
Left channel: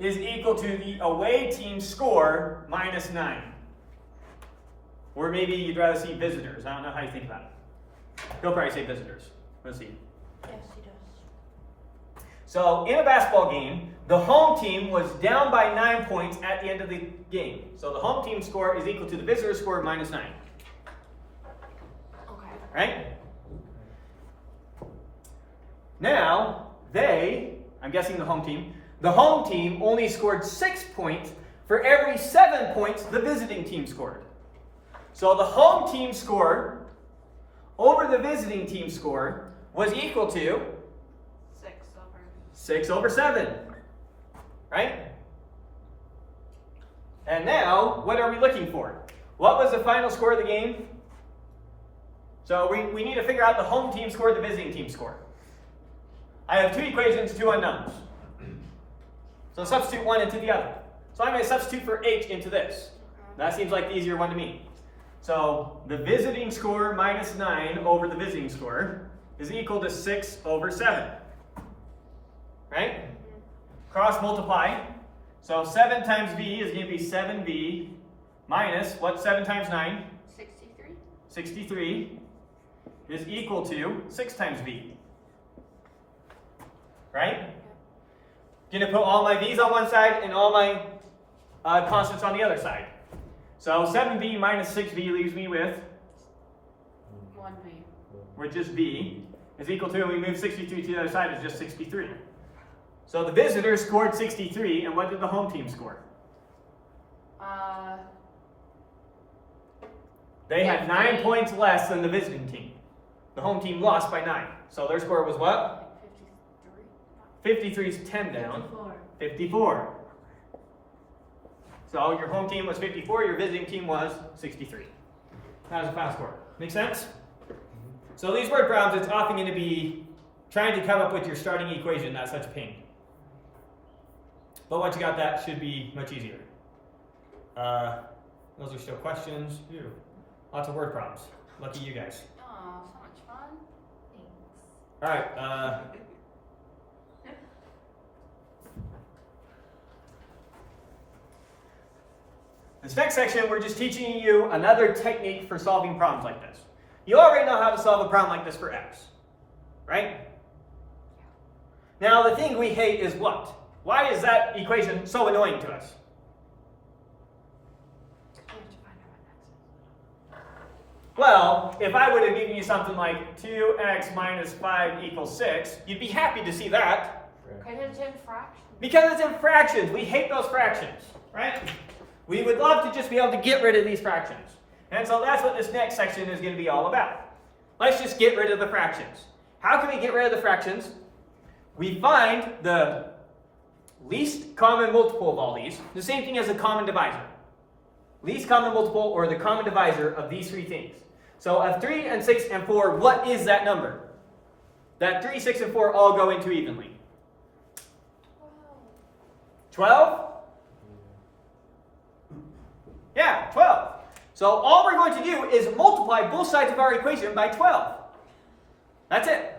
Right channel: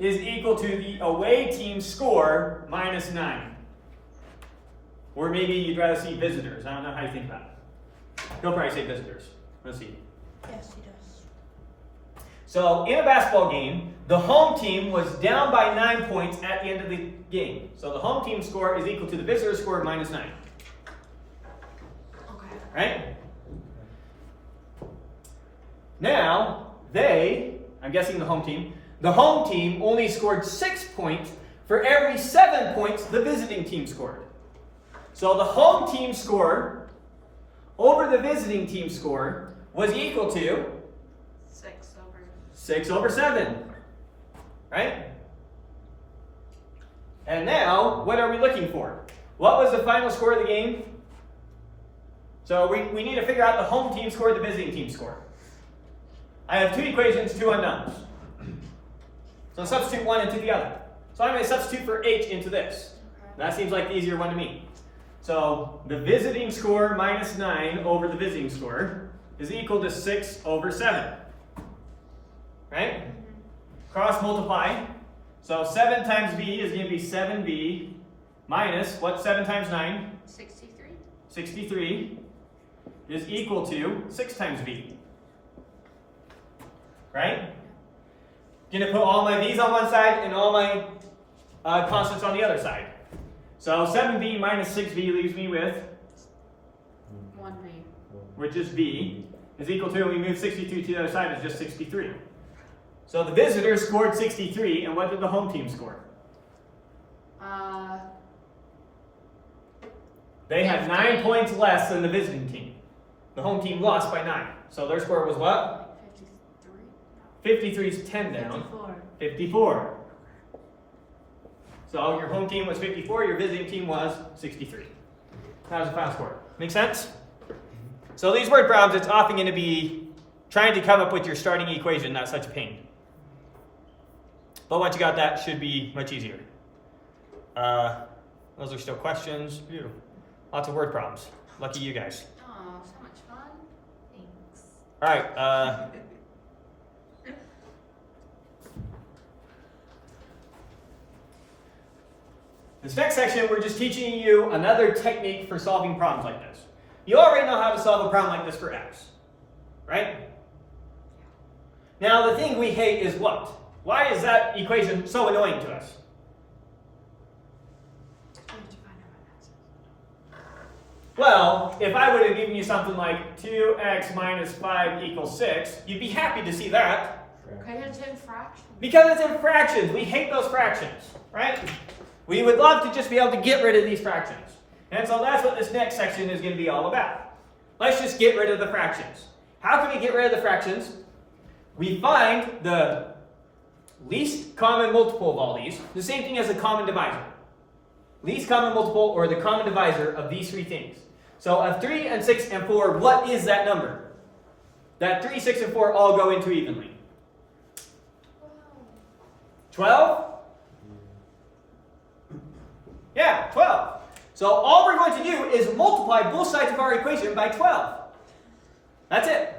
is equal to the away team's score minus 9. Or maybe you'd rather see visitors. I don't know how you think about it. He'll probably say visitors. Let's see. Yes, he does. So in a basketball game, the home team was down by 9 points at the end of the game. So the home team score is equal to the visitor's score minus 9. Okay. Right? Now, I'm guessing the home team only scored 6 points for every 7 points the visiting team scored. So the home team score over the visiting team score was equal to 6 over 7. Right? And now, what are we looking for? What was the final score of the game? So we need to figure out the home team score, the visiting team score. I have 2 equations, 2 unknowns. So substitute one into the other. So I'm going to substitute for h into this. That seems like the easier one to me. So the visiting score minus 9 over the visiting score is equal to 6 over 7. Right? Cross multiply. So 7 times v is going to be 7v minus, what's 7 times 9? 63. 63 is equal to 6 times v. Right? Going to put all my v's on one side and all my constants on the other side. So 7v minus 6v leaves me with, 1v. which is v, is equal to, we move 63 to the other side, is just 63. So the visitor scored 63, and what did the home team score? They had 9 points less than the visiting team. The home team lost by 9. So their score was what? 53 is 10 down. 54. So your home team was 54, your visiting team was 63. That was the final score. Make sense? So these word problems, it's often going to be trying to come up with your starting equation. That's such a pain. But once you got that, should be much easier. Those are still questions. Beautiful. Lots of word problems. Lucky you guys. Oh, so much fun. Thanks. All right. This next section, we're just teaching you another technique for solving problems like this. You already know how to solve a problem like this for x, right? Now, the thing we hate is what? Why is that equation so annoying to us? Well, if I would have given you something like 2x minus 5 equals 6, you'd be happy to see that. Because it's in fractions. Because it's in fractions. We hate those fractions, right? We would love to just be able to get rid of these fractions. And so that's what this next section is going to be all about. Let's just get rid of the fractions. How can we get rid of the fractions? We find the least common multiple of all these, the same thing as a common divisor. Least common multiple, or the common divisor of these 3 things. So of 3 and 6 and 4, what is that number? That 3, 6, and 4 all go into evenly. 12? Yeah, 12. So all we're going to do is multiply both sides of our equation by 12. That's it.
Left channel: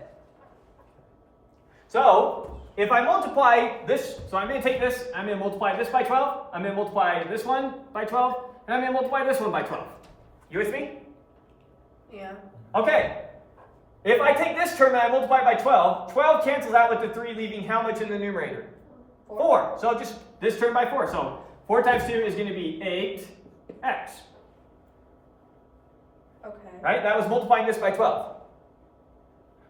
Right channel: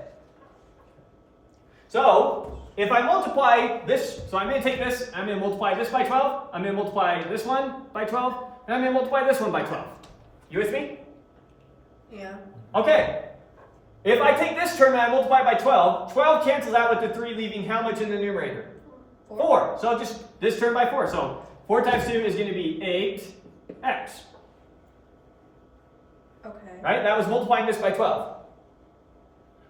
So if I multiply this, so I'm going to take this, I'm going to multiply this by 12, I'm going to multiply this one by 12, and I'm going to multiply this one by 12. You with me? Yeah. Okay. If I take this term and I multiply by 12, 12 cancels out with the 3, leaving how much in the numerator? 4. So just this term by 4. So 4 times 2 is going to be 8x. Okay. Right? That was multiplying this by 12.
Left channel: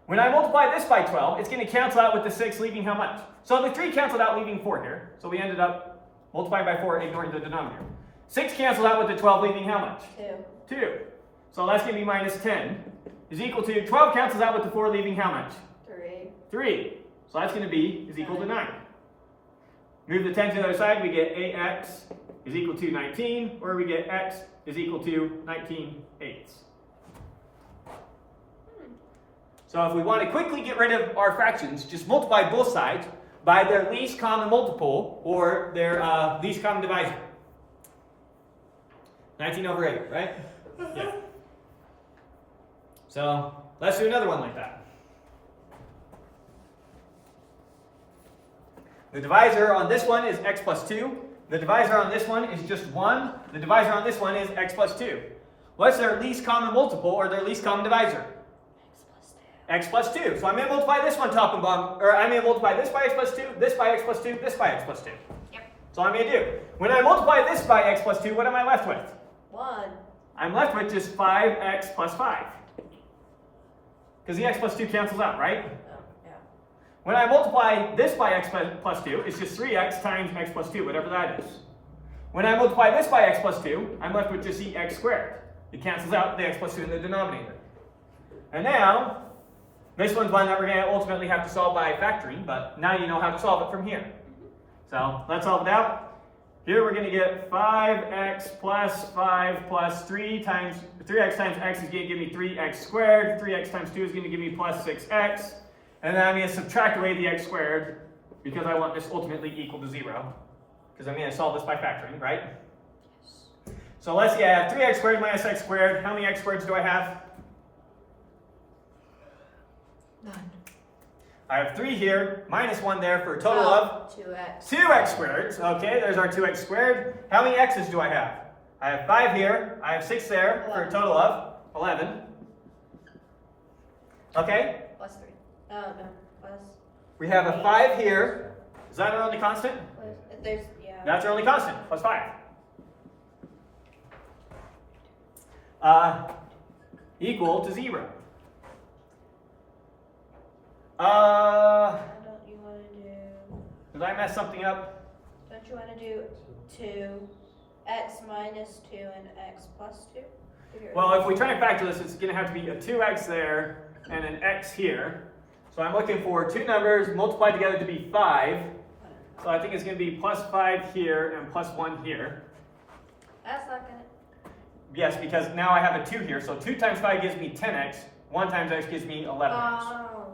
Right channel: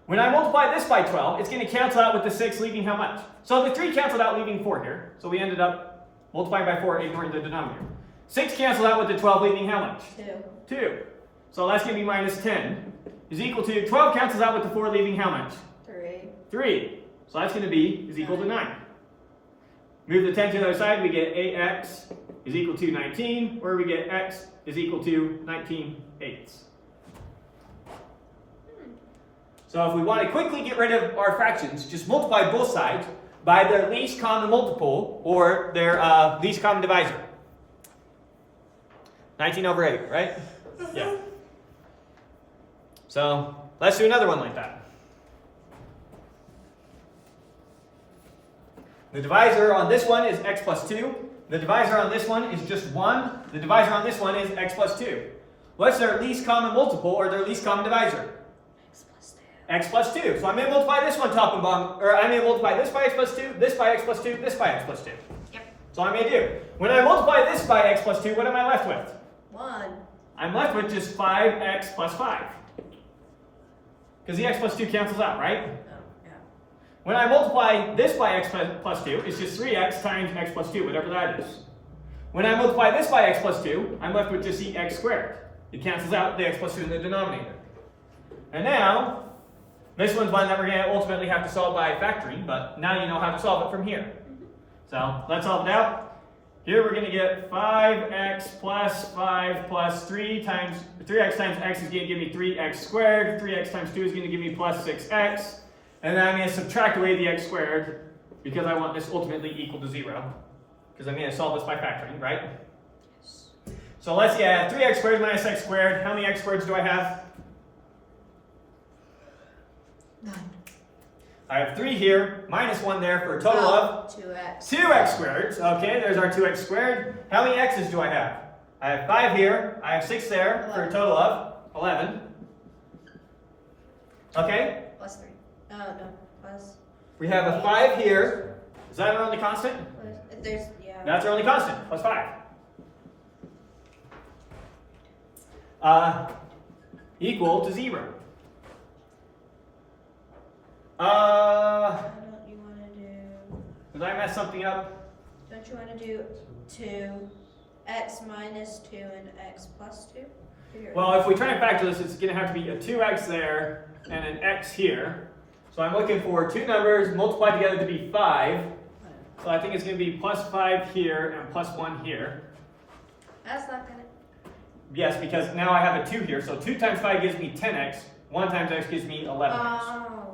When I multiply this by 12, it's going to cancel out with the 6, leaving how much? So the 3 canceled out, leaving 4 here. So we ended up multiplying by 4, ignoring the denominator. 6 canceled out with the 12, leaving how much? 2. 2. So that's going to be minus 10 is equal to, 12 cancels out with the 4, leaving how much? 3. 3. So that's going to be is equal to 9. Move the 10 to the other side, we get 8x is equal to 19, or we get x is equal to 19/8. So if we want to quickly get rid of our fractions, just multiply both sides by their least common multiple or their least common divisor. 19 over 8, right? Yeah. So let's do another one like that. The divisor on this one is x plus 2. The divisor on this one is just 1. The divisor on this one is x plus 2. What's their least common multiple or their least common divisor? X plus 2. So I'm going to multiply this one top and bottom, or I'm going to multiply this by x plus 2, this by x plus 2, this by x plus 2. Yep. So I'm going to do. When I multiply this by x plus 2, what am I left with? 1. I'm left with just 5x plus 5. Because the x plus 2 cancels out, right? Oh, yeah. When I multiply this by x plus 2, it's just 3x times x plus 2, whatever that is. When I multiply this by x plus 2, I'm left with just the x squared. It cancels out the x plus 2 in the denominator. And now, this one's one that we're going to ultimately have to solve by factoring, but now you know how to solve it from here. So let's solve it out. Here we're going to get 5x plus 5 plus 3x times x is going to give me 3x squared. 3x times 2 is going to give me plus 6x. And then I'm going to subtract away the x squared because I want this ultimately equal to 0. Because I'm going to solve this by factoring, right? So let's see, I have 3x squared minus x squared. How many x squareds do I have? 9. I have 3 here, minus 1 there for a total of 2x. 2x squared. Okay, there's our 2x squared. How many x's do I have? I have 5 here, I have 6 there for a total of 11. Okay, Plus 3. Oh, no. Plus. we have a 5 here. Is that our only constant? There's, yeah. That's our only constant, plus 5. Equal to 0. Why don't you want to do, Did I mess something up? don't you want to do 2x minus 2 and x plus 2? Well, if we try and factor this, it's going to have to be a 2x there and an x here. So I'm looking for two numbers multiplied together to be 5. So I think it's going to be plus 5 here and plus 1 here. That's not going to. Yes, because now I have a 2 here. So 2 times 5 gives me 10x. 1 times x gives me 11x. Oh.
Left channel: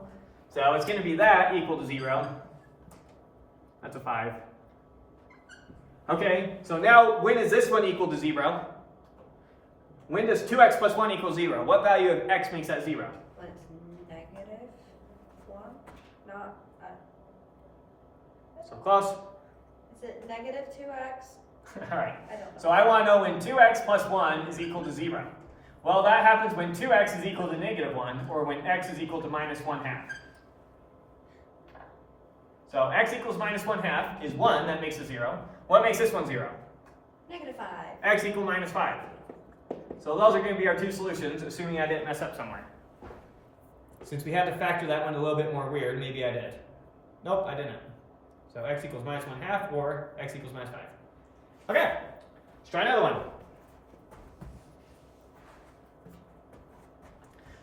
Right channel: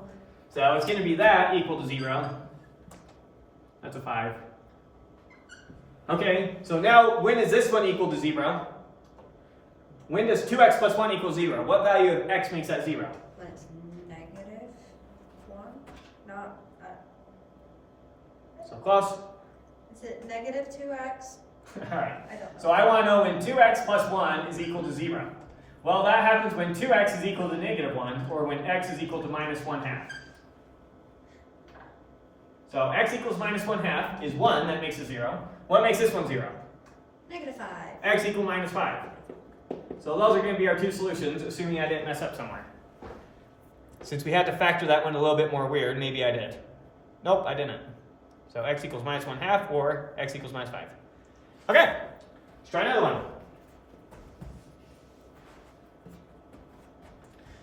So it's going to be that equal to 0. That's a 5. Okay, so now when is this one equal to 0? When does 2x plus 1 equal 0? What value of x makes that 0? When it's negative 1? Not. So close. Is it negative 2x? Alright, I don't know. so I want to know when 2x plus 1 is equal to 0. Well, that happens when 2x is equal to negative 1, or when x is equal to minus 1/2. So x equals minus 1/2 is 1, that makes it 0. What makes this one 0? Negative 5. X equal minus 5. So those are going to be our two solutions, assuming I didn't mess up somewhere. Since we had to factor that one a little bit more weird, maybe I did. Nope, I didn't. So x equals minus 1/2 or x equals minus 5. Okay, let's try another one.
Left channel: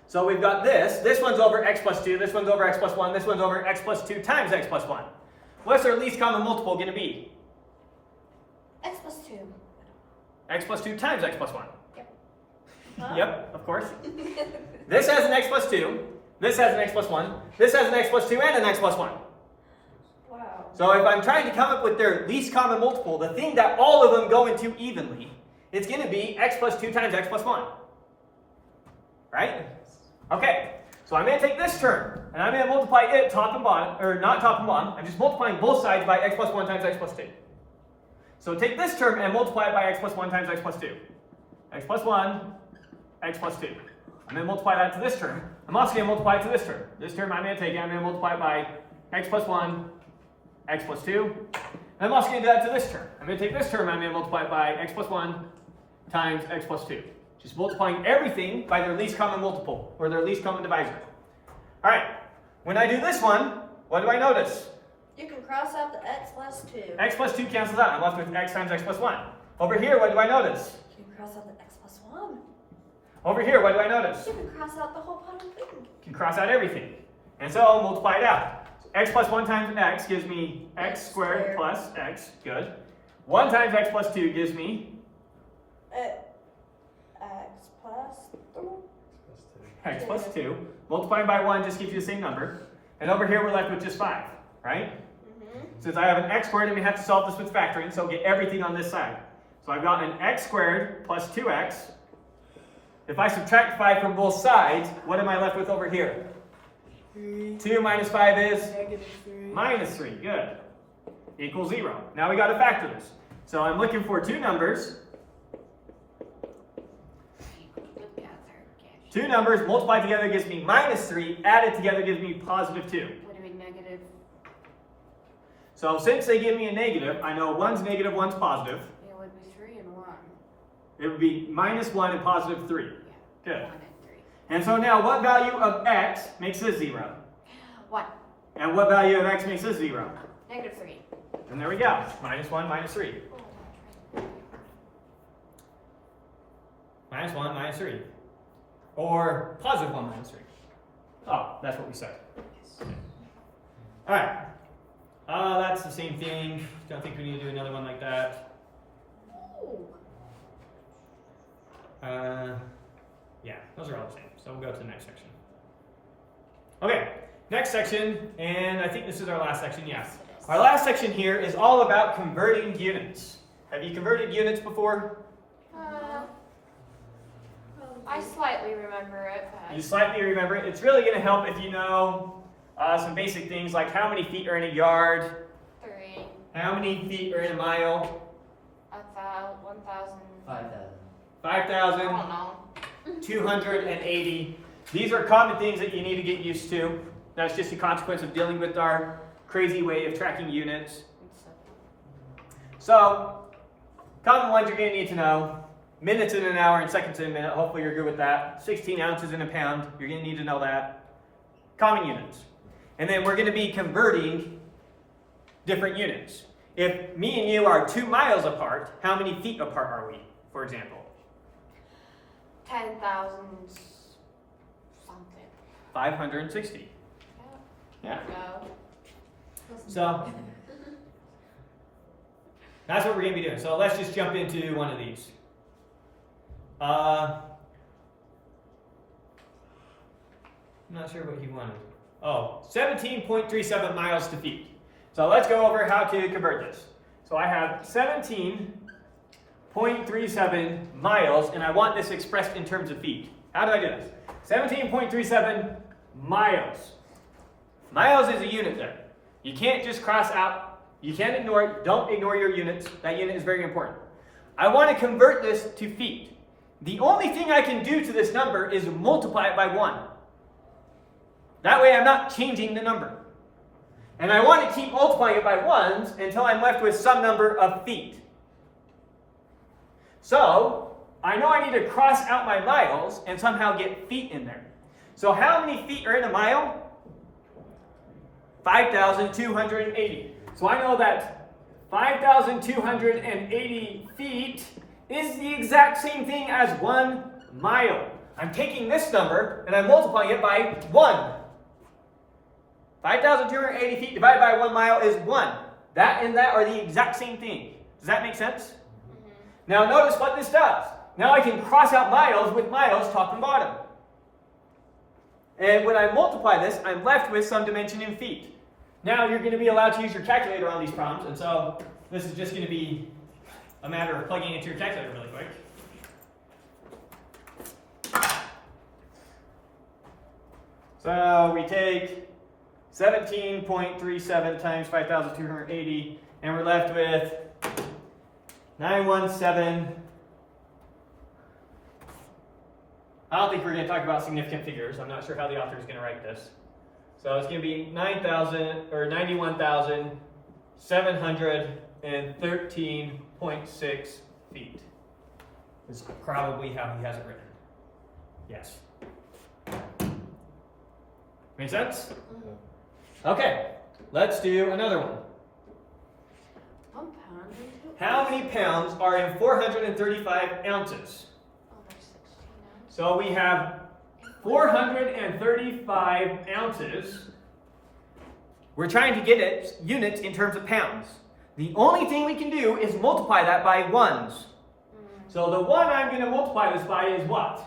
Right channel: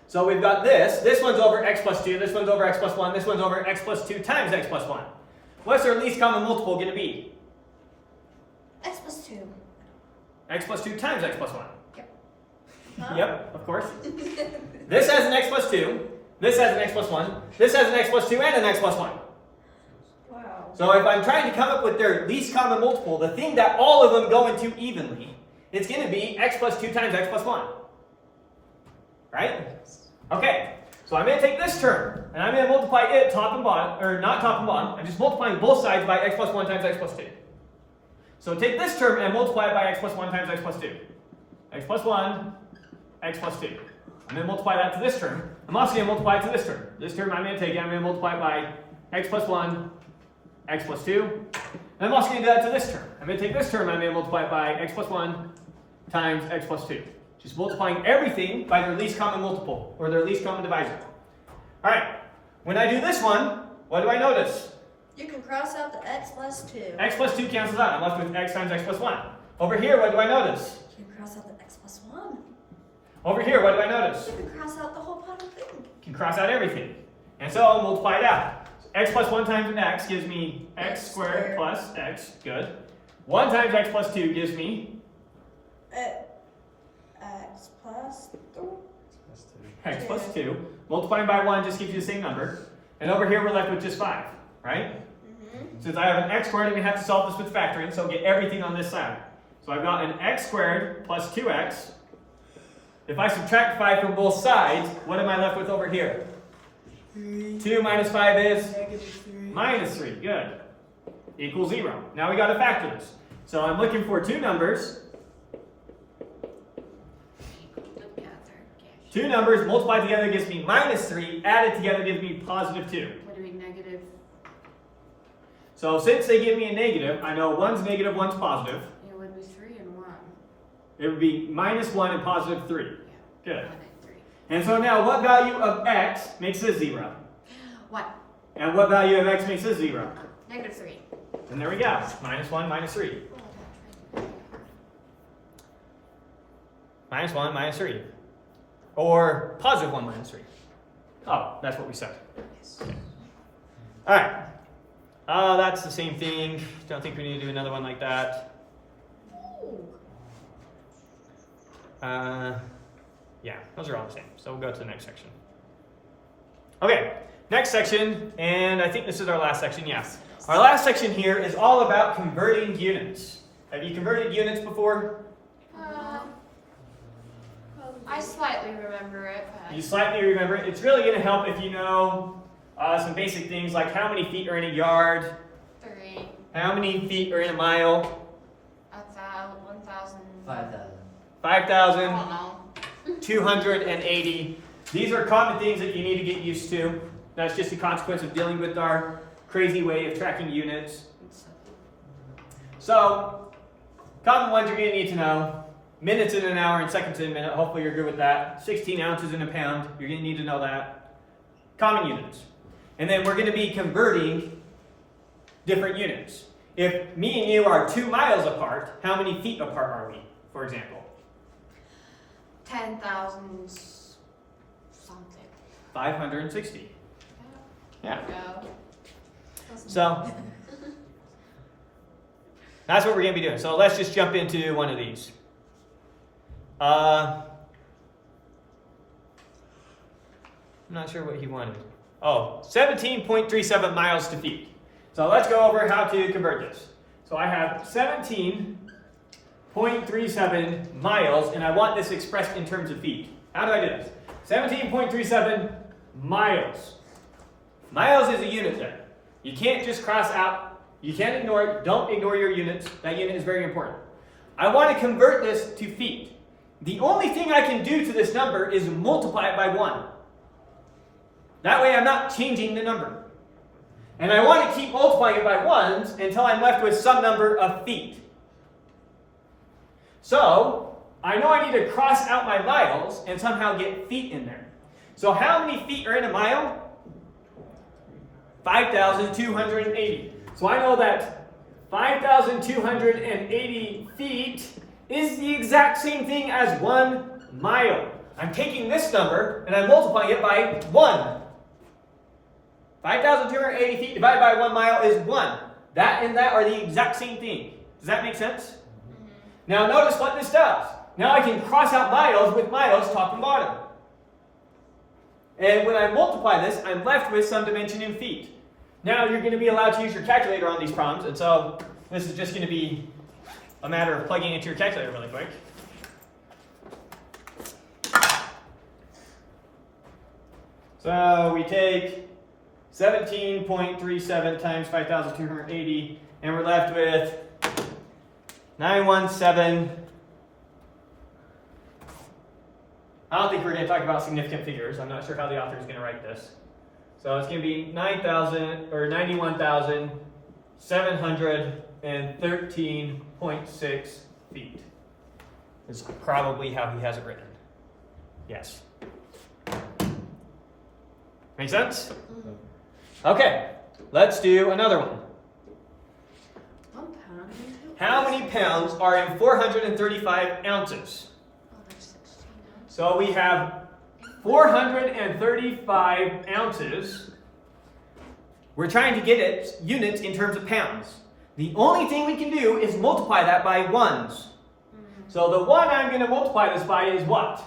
So we've got this. This one's over x plus 2, this one's over x plus 1, this one's over x plus 2 times x plus 1. What's our least common multiple going to be? X plus 2. X plus 2 times x plus 1. Huh? Yep, of course. This has an x plus 2, this has an x plus 1, this has an x plus 2 and an x plus 1. Wow. So if I'm trying to come up with their least common multiple, the thing that all of them go into evenly, it's going to be x plus 2 times x plus 1. Right? Okay, so I'm going to take this term, and I'm going to multiply it top and bottom, or not top and bottom, I'm just multiplying both sides by x plus 1 times x plus 2. So take this term and multiply it by x plus 1 times x plus 2. X plus 1, x plus 2. I'm going to multiply that to this term. I'm also going to multiply it to this term. This term I'm going to take it, I'm going to multiply it by x plus 1, x plus 2. And I'm also going to do that to this term. I'm going to take this term, I'm going to multiply it by x plus 1 times x plus 2. Just multiplying everything by their least common multiple, or their least common divisor. All right, when I do this one, what do I notice? You can cross out the x plus 2. X plus 2 cancels out. I'm left with x times x plus 1. Over here, what do I notice? You can cross out the x plus 1. Over here, what do I notice? You can cross out the whole bottom thing. You can cross out everything. And so I'll multiply it out. X plus 1 times x gives me x squared plus x. Good. 1 times x plus 2 gives me X plus 2. x plus 2. Multiplying by 1 just gives you the same number. And over here, we're left with just 5, right? Since I have an x squared, I'm going to have to solve this with factoring, so I'll get everything on this side. So I've got an x squared plus 2x. If I subtract 5 from both sides, what am I left with over here? 2 minus 5 is? Minus 3. Good. Equals 0. Now we got to factor this. So I'm looking for two numbers. Two numbers multiplied together gives me minus 3. Added together gives me positive 2. What do we negative? So since they give me a negative, I know one's negative, one's positive. It would be 3 and 1. It would be minus 1 and positive 3. Yeah. Good. 1 and 3. And so now what value of x makes this 0? 1. And what value of x makes this 0? Negative 3. And there we go. Minus 1, minus 3. Minus 1, minus 3. Or positive 1 minus 3. Oh, that's what we said. Okay. All right. That's the same thing. Don't think we need to do another one like that. Yeah, those are all the same. So we'll go to the next section. Okay, next section, and I think this is our last section, yes. Our last section here is all about converting units. Have you converted units before? I slightly remember it, but You slightly remember it. It's really going to help if you know some basic things like how many feet are in a yard, 3, how many feet are in a mile, 1,000. 5,000. 5,000, I don't know. 280. These are common things that you need to get used to. That's just a consequence of dealing with our crazy way of tracking units. So, common ones you're going to need to know. Minutes in an hour and seconds in a minute. Hopefully you're good with that. 16 ounces in a pound. You're going to need to know that. Common units. And then we're going to be converting different units. If me and you are 2 miles apart, how many feet apart are we, for example? 10,000 something. 560. Yeah. No. So, that's what we're going to be doing. So let's just jump into one of these. I'm not sure what he wanted. Oh, 17.37 miles to feet. So let's go over how to convert this. So I have 17.37 miles, and I want this expressed in terms of feet. How do I do this? 17.37 miles. Miles is a unit there. You can't just cross out. You can't ignore it. Don't ignore your units. That unit is very important. I want to convert this to feet. The only thing I can do to this number is multiply it by 1. That way I'm not changing the number. And I want to keep multiplying it by 1s until I'm left with some number of feet. So, I know I need to cross out my miles and somehow get feet in there. So how many feet are in a mile? 5,280. So I know that 5,280 feet is the exact same thing as 1 mile. I'm taking this number and I'm multiplying it by 1. 5,280 feet divided by 1 mile is 1. That and that are the exact same thing. Does that make sense? Now notice what this does. Now I can cross out miles with miles top and bottom. And when I multiply this, I'm left with some dimension in feet. Now you're going to be allowed to use your calculator on these problems, and so this is just going to be a matter of plugging into your calculator really quick. So we take 17.37 times 5,280, and we're left with 917. I don't think we're going to talk about significant figures. I'm not sure how the author is going to write this. So it's going to be 91,000 713.6 feet. Is probably how he has it written. Yes. Make sense? Okay, let's do another one. 1 pound. How many pounds are in 435 ounces? Oh, that's 16 ounces. So we have 435 ounces. We're trying to get it units in terms of pounds. The only thing we can do is multiply that by ones. So the one I'm going to multiply this by is what?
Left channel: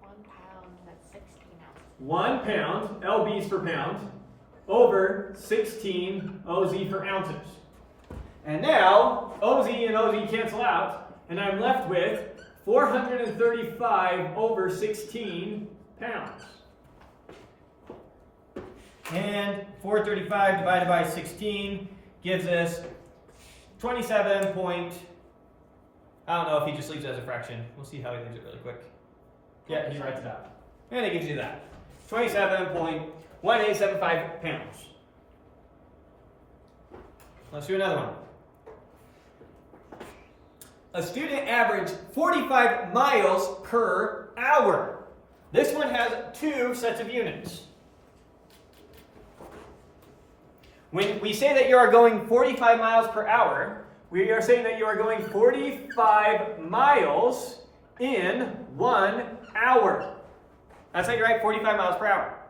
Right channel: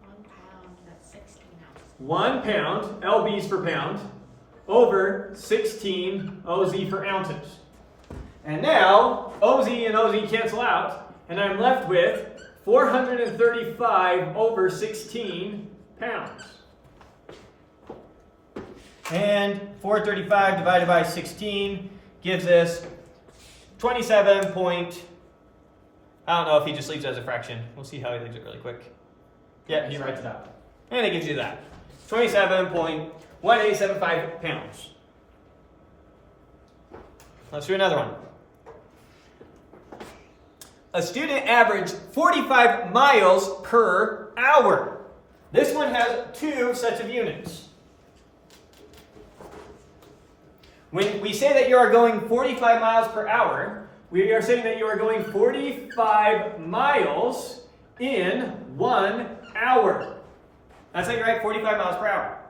1 pound, that's 16 ounces. 1 pound, lb's for pound, over 16 oz for ounces. And now, oz and oz cancel out, and I'm left with 435 over 16 pounds. And 435 divided by 16 gives us 27 point, I don't know if he just leaves it as a fraction. We'll see how he leaves it really quick. Yeah, he writes it out. And it gives you that. 27.1875 pounds. Let's do another one. A student averaged 45 miles per hour. This one has 2 sets of units. When we say that you are going 45 miles per hour, we are saying that you are going 45 miles in 1 hour. That's how you write 45 miles per hour.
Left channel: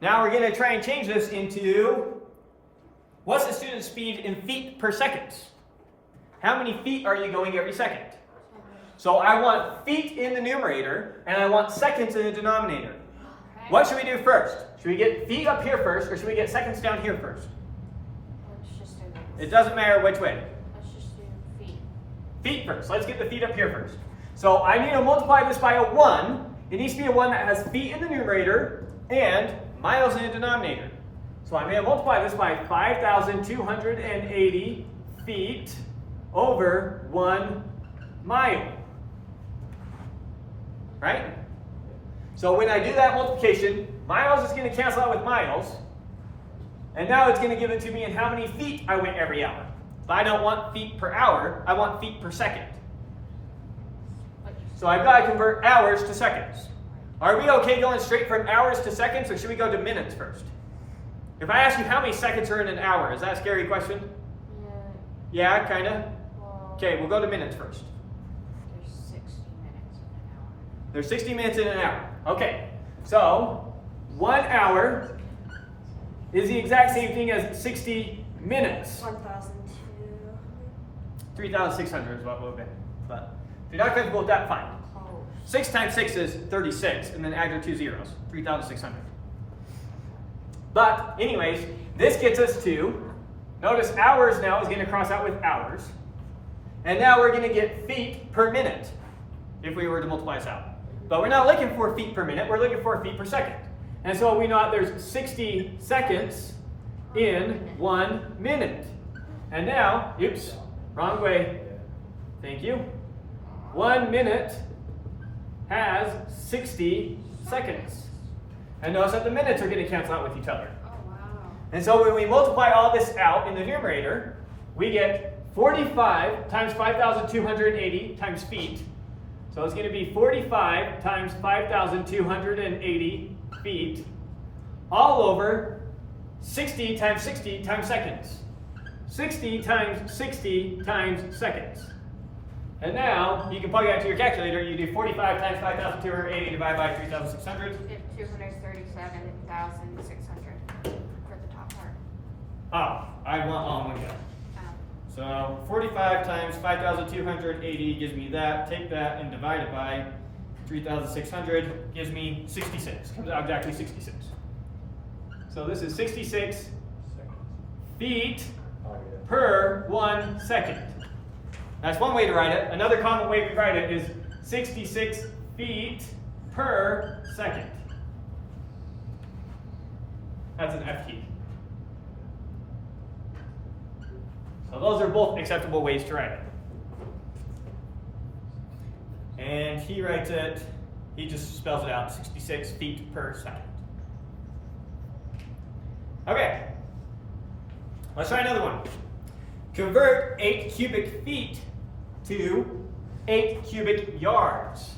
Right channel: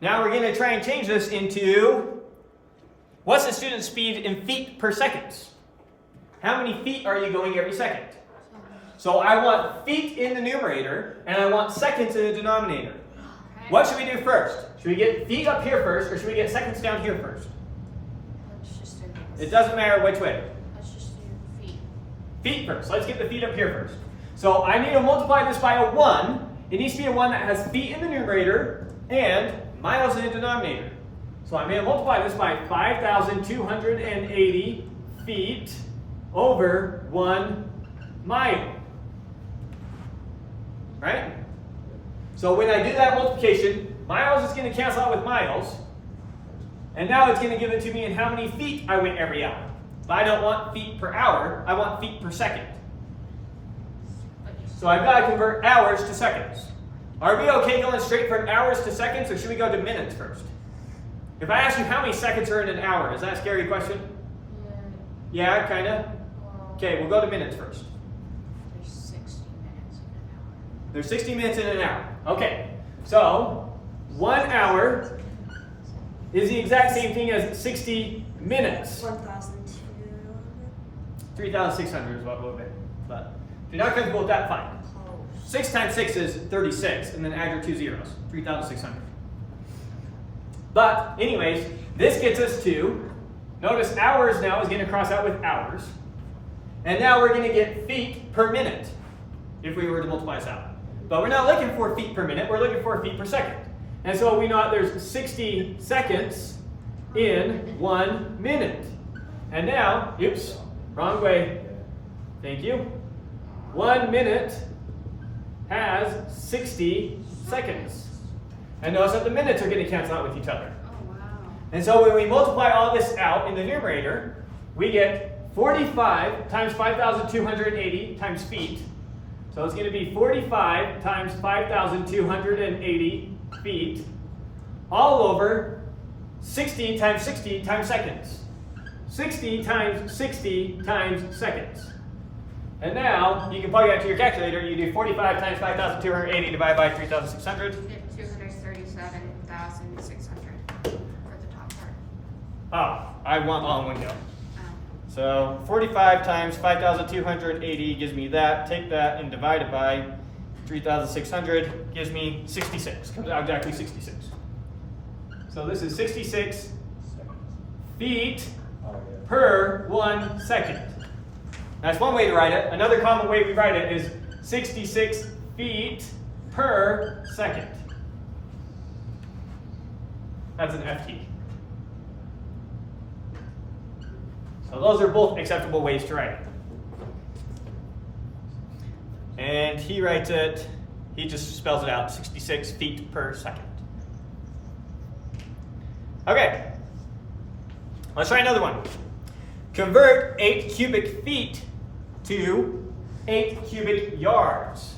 Now we're going to try and change this into, what's the student's speed in feet per second? How many feet are you going every second? So I want feet in the numerator, and I want seconds in the denominator. What should we do first? Should we get feet up here first, or should we get seconds down here first? Let's just do this. It doesn't matter which way. Let's just do feet. Feet first. Let's get the feet up here first. So I need to multiply this by a 1. It needs to be a 1 that has feet in the numerator and miles in the denominator. So I'm going to multiply this by 5,280 feet over 1 mile. Right? So when I do that multiplication, miles is going to cancel out with miles. And now it's going to give it to me in how many feet I went every hour. But I don't want feet per hour, I want feet per second. So I've got to convert hours to seconds. Are we okay going straight from hours to seconds, or should we go to minutes first? If I ask you how many seconds are in an hour, is that a scary question? Yeah. Yeah, kind of? Well, Okay, we'll go to minutes first. there's 60 minutes in an hour. There's 60 minutes in an hour. Okay, so 1 hour is the exact same thing as 60 minutes. 1,200. 3,600 is what we'll get. But if you're not comfortable with that, fine. Close. 6 times 6 is 36, and then add your 2 zeros, 3,600. But anyways, this gets us to, notice hours now is going to cross out with hours. And now we're going to get feet per minute, if we were to multiply this out. But we're not looking for feet per minute, we're looking for feet per second. And so we know that there's 60 seconds in 1 minute. And now, oops, wrong way. Thank you. 1 minute has 60 seconds. And notice that the minutes are going to cancel out with each other. Oh, wow. And so when we multiply all this out in the numerator, we get 45 times 5,280 times feet. So it's going to be 45 times 5,280 feet, all over 60 times 60 times seconds. 60 times 60 times seconds. And now, you can plug that to your calculator. You do 45 times 5,280 divided by 3,600. You get 237,600 for the top part. Oh, I want all in one go. Oh. So 45 times 5,280 gives me that. Take that and divide it by 3,600 gives me 66. Comes out exactly 66. So this is 66 feet per 1 second. That's one way to write it. Another common way we write it is 66 feet per second. That's an FT. So those are both acceptable ways to write it. And he writes it, he just spells it out, 66 feet per second. Okay. Let's try another one. Convert 8 cubic feet to 8 cubic yards.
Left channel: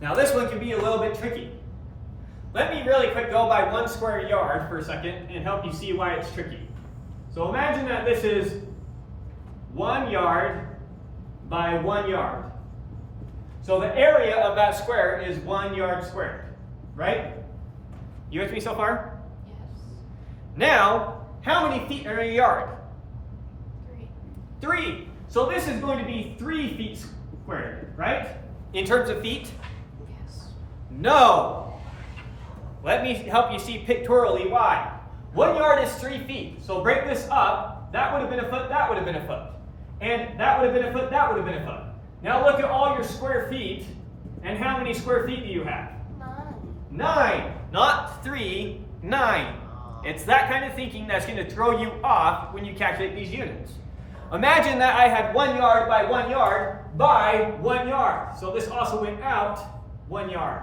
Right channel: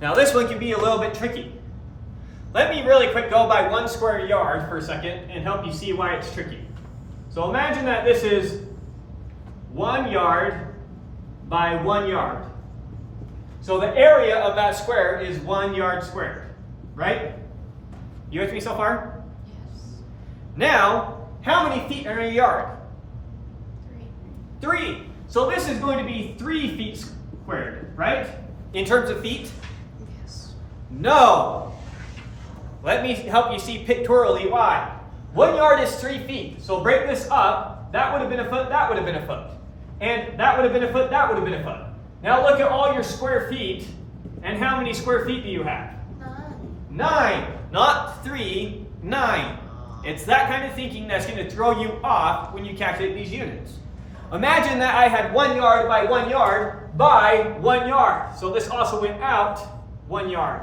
Now this one can be a little bit tricky. Let me really quick go by 1 square yard for a second and help you see why it's tricky. So imagine that this is 1 yard by 1 yard. So the area of that square is 1 yard squared, right? You with me so far? Yes. Now, how many feet are in a yard? 3. 3. So this is going to be 3 feet squared, right? In terms of feet? Yes. No. Let me help you see pictorially why. 1 yard is 3 feet. So break this up. That would have been a foot, that would have been a foot. And that would have been a foot, that would have been a foot. Now look at all your square feet. And how many square feet do you have? 9. 9. Not 3, 9. It's that kind of thinking that's going to throw you off when you calculate these units. Imagine that I had 1 yard by 1 yard by 1 yard. So this also went out 1 yard.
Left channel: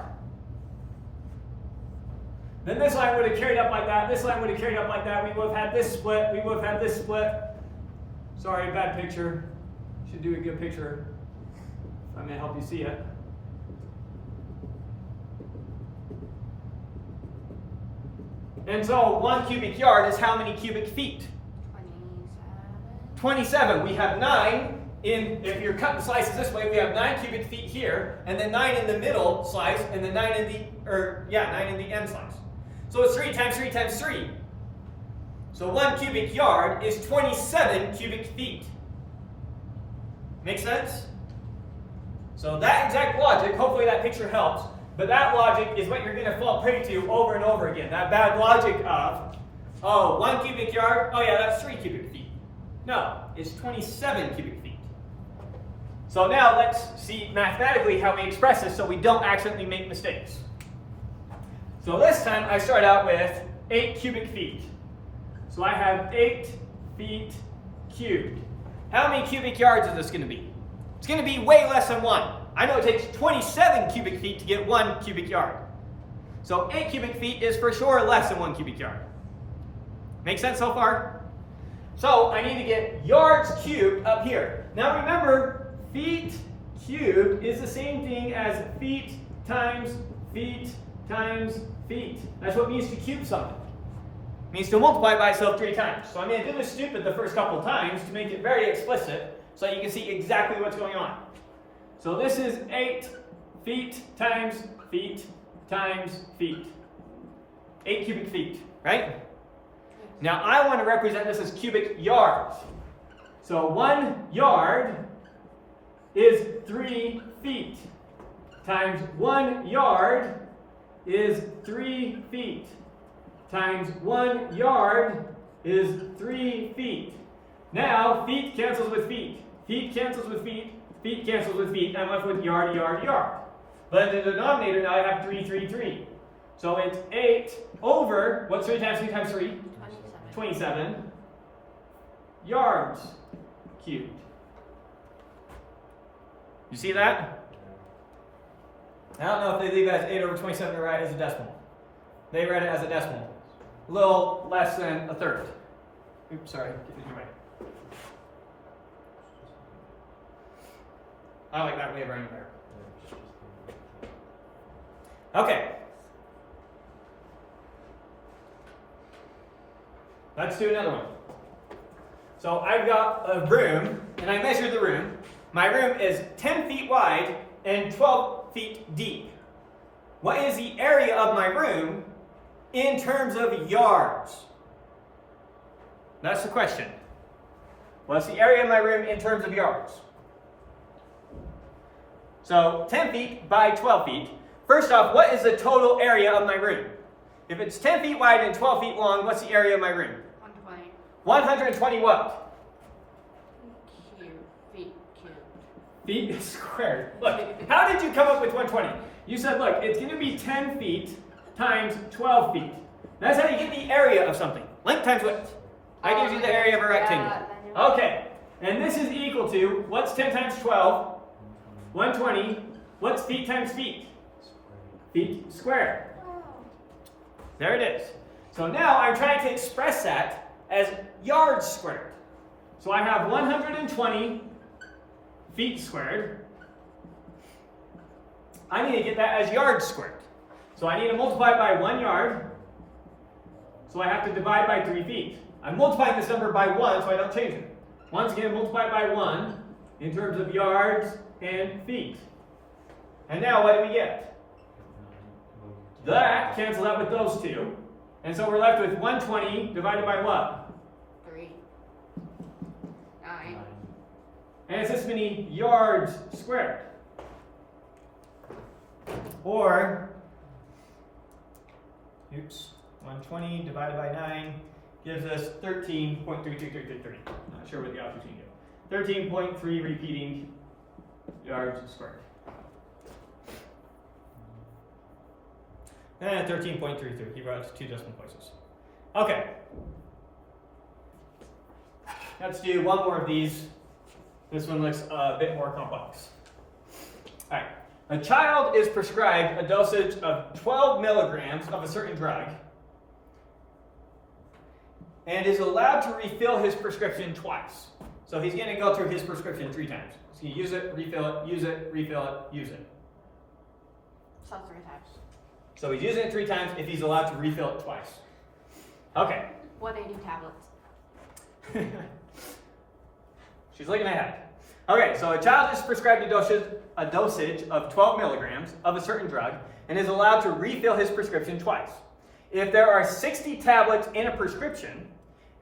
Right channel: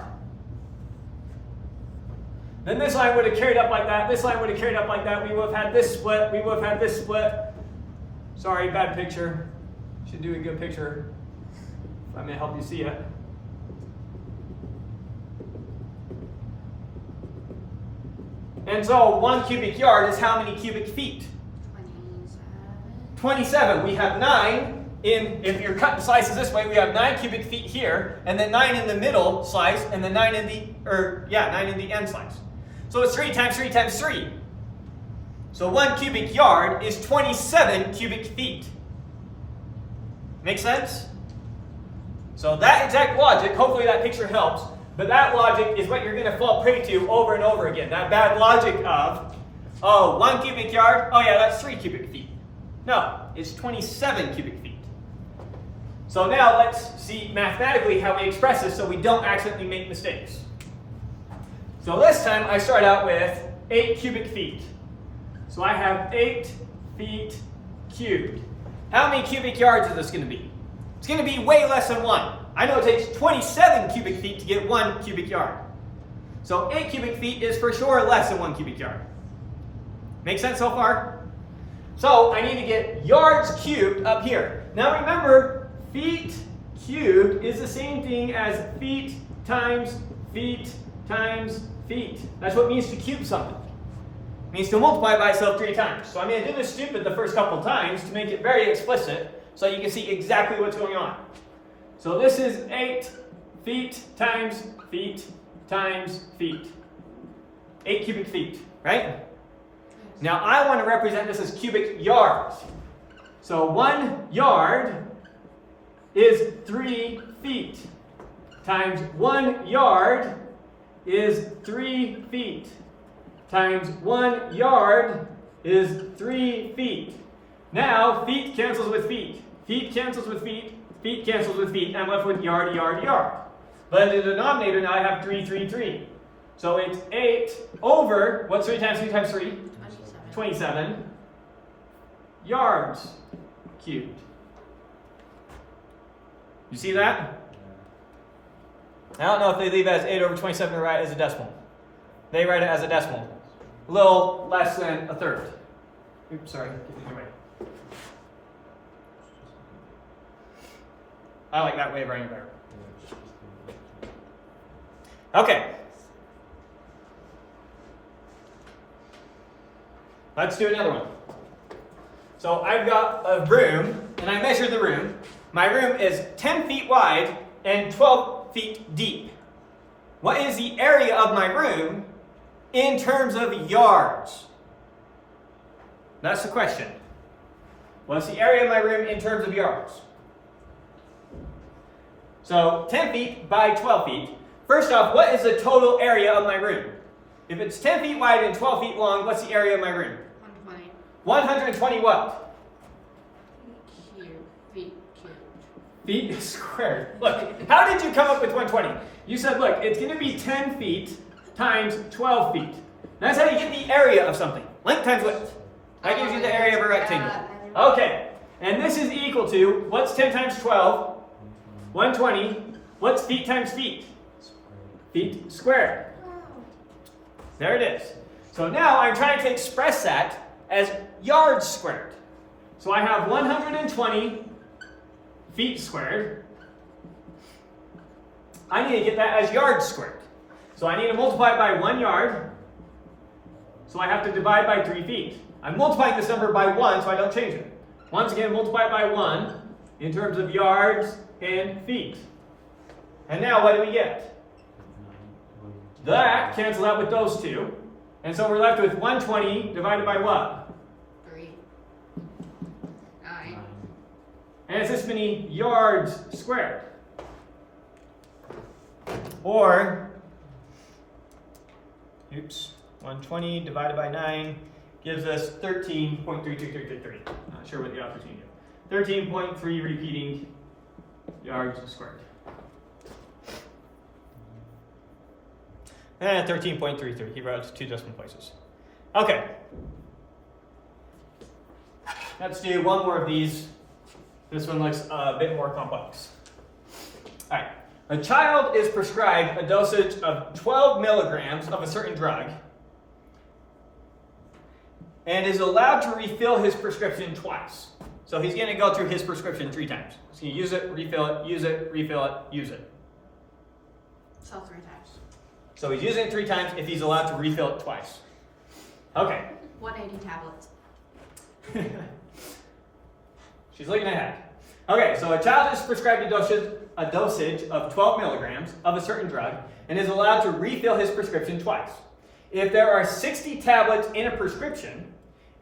Then this line would have carried up like that. This line would have carried up like that. We would have had this split. We would have had this split. Sorry, bad picture. Should do a good picture. I'm going to help you see it. And so 1 cubic yard is how many cubic feet? 27. 27. We have 9 in, if you're cutting slices this way, we have 9 cubic feet here, and then 9 in the middle slice, and then 9 in the end slice. So it's 3 times 3 times 3. So 1 cubic yard is 27 cubic feet. Make sense? So that exact logic, hopefully that picture helps, but that logic is what you're going to fall prey to over and over again. That bad logic of, oh, 1 cubic yard, oh yeah, that's 3 cubic feet. No, it's 27 cubic feet. So now let's see mathematically how we express this so we don't accidentally make mistakes. So this time I start out with 8 cubic feet. So I have 8 feet cubed. How many cubic yards is this going to be? It's going to be way less than 1. I know it takes 27 cubic feet to get 1 cubic yard. So 8 cubic feet is for sure less than 1 cubic yard. Make sense so far? So I need to get yards cubed up here. Now remember, feet cubed is the same thing as feet times feet times feet. That's what it means to cube something. It means to multiply by itself 3 times. So I'm going to do this stupid the first couple times to make it very explicit so you can see exactly what's going on. So this is 8 feet times feet times feet. 8 cubic feet, right? Now I want to represent this as cubic yards. So 1 yard is 3 feet times 1 yard is 3 feet times 1 yard is 3 feet. Now feet cancels with feet. Feet cancels with feet. Feet cancels with feet. I'm left with yard, yard, yard. But in the denominator now I have 3, 3, 3. So it's 8 over, what's 3 times 3 times 3? 27 yards cubed. You see that? I don't know if they leave it as 8 over 27 or write it as a decimal. They write it as a decimal. A little less than a third. Oops, sorry. Get it your way. I like that way of writing better. Okay. Let's do another one. So I've got a room, and I measured the room. My room is 10 feet wide and 12 feet deep. What is the area of my room in terms of yards? That's the question. What's the area of my room in terms of yards? So 10 feet by 12 feet. First off, what is the total area of my room? If it's 10 feet wide and 12 feet long, what's the area of my room? 120. 120 what? Feet Feet squared. Look, how did you come up with 120? You said, look, it's going to be 10 feet times 12 feet. That's how you get the area of something. Length times width. That gives you the area of a rectangle. Okay, and this is equal to, what's 10 times 12? 120. What's feet times feet? Feet squared. There it is. So now I'm trying to express that as yards squared. So I have 120 feet squared. I need to get that as yards squared. So I need to multiply it by 1 yard. So I have to divide by 3 feet. I'm multiplying this number by 1 so I don't change it. Once again, multiply by 1 in terms of yards and feet. And now what do we get? That cancels out with those two. And so we're left with 120 divided by what? 3. 9. And it's this many yards squared. Or, 120 divided by 9 gives us 13.33333. Not sure what the opportunity is. 13.3 repeating yards squared. And 13.33. He wrote 2 decimal places. Okay. Let's do one more of these. This one looks a bit more complex. All right. A child is prescribed a dosage of 12 milligrams of a certain drug and is allowed to refill his prescription twice. So he's going to go through his prescription 3 times. So you use it, refill it, use it, refill it, use it. So 3 times. So he's using it 3 times if he's allowed to refill it twice. Okay. 180 tablets. She's looking ahead. Okay, so a child is prescribed a dosage of 12 milligrams of a certain drug and is allowed to refill his prescription twice. If there are 60 tablets in a prescription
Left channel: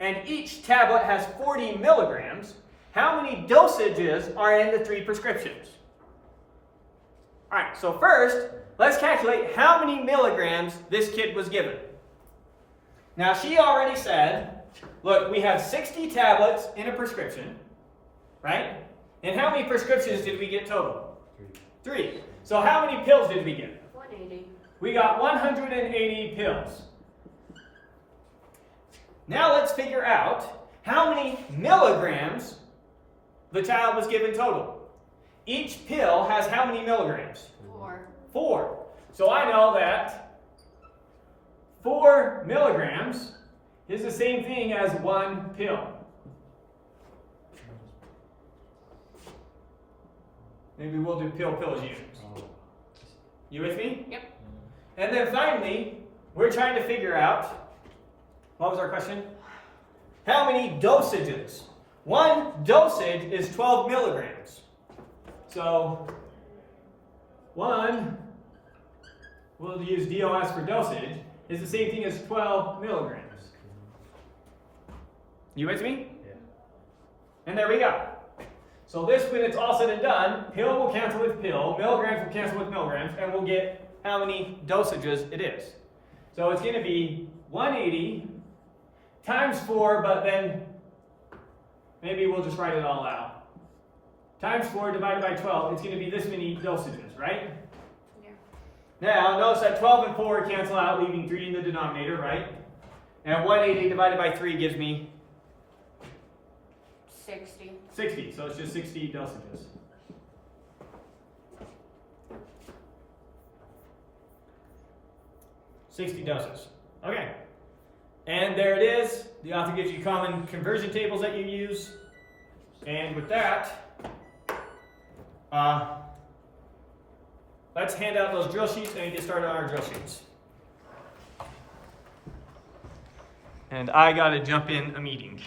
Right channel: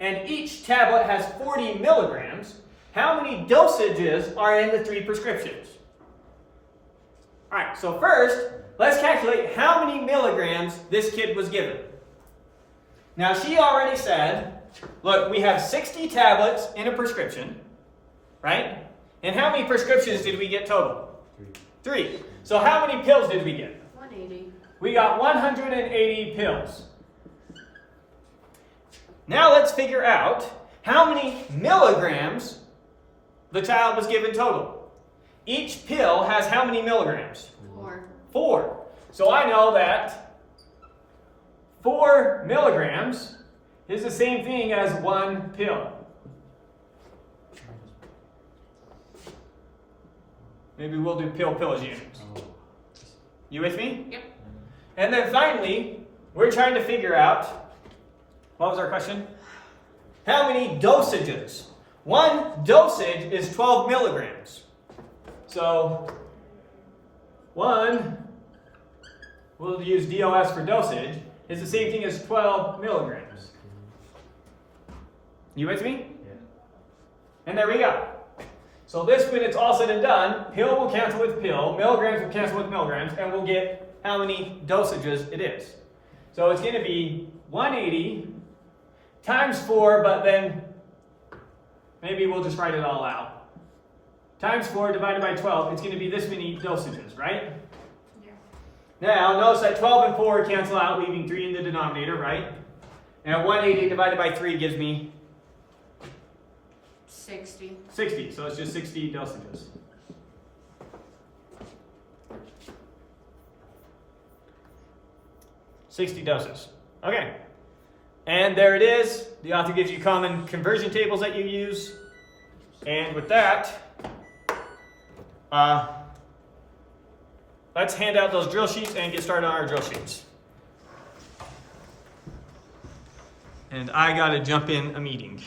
and each tablet has 40 milligrams, how many dosages are in the 3 prescriptions? All right, so first, let's calculate how many milligrams this kid was given. Now, she already said, look, we have 60 tablets in a prescription, right? And how many prescriptions did we get total? 3. So how many pills did we get? 180. We got 180 pills. Now let's figure out how many milligrams the child was given total. Each pill has how many milligrams? 4. 4. So I know that 4 milligrams is the same thing as 1 pill. Maybe we'll do pill units. You with me? Yep. And then finally, we're trying to figure out, what was our question? How many dosages? 1 dosage is 12 milligrams. So 1, we'll use DOS for dosage, is the same thing as 12 milligrams. You with me? Yeah. And there we go. So this, when it's all said and done, pill will cancel with pill, milligrams will cancel with milligrams, and we'll get how many dosages it is. So it's going to be 180 times 4, but then maybe we'll just write it all out. Times 4 divided by 12, it's going to be this many dosages, right? Yeah. Now, notice that 12 and 4 cancel out, leaving 3 in the denominator, right? And 180 divided by 3 gives me 60. 60, so it's just 60 dosages. $60 doses. Okay. And there it is. The author gives you common conversion tables that you use. And with that, let's hand out those drill sheets and get started on our drill sheets. And I got to jump in a meeting.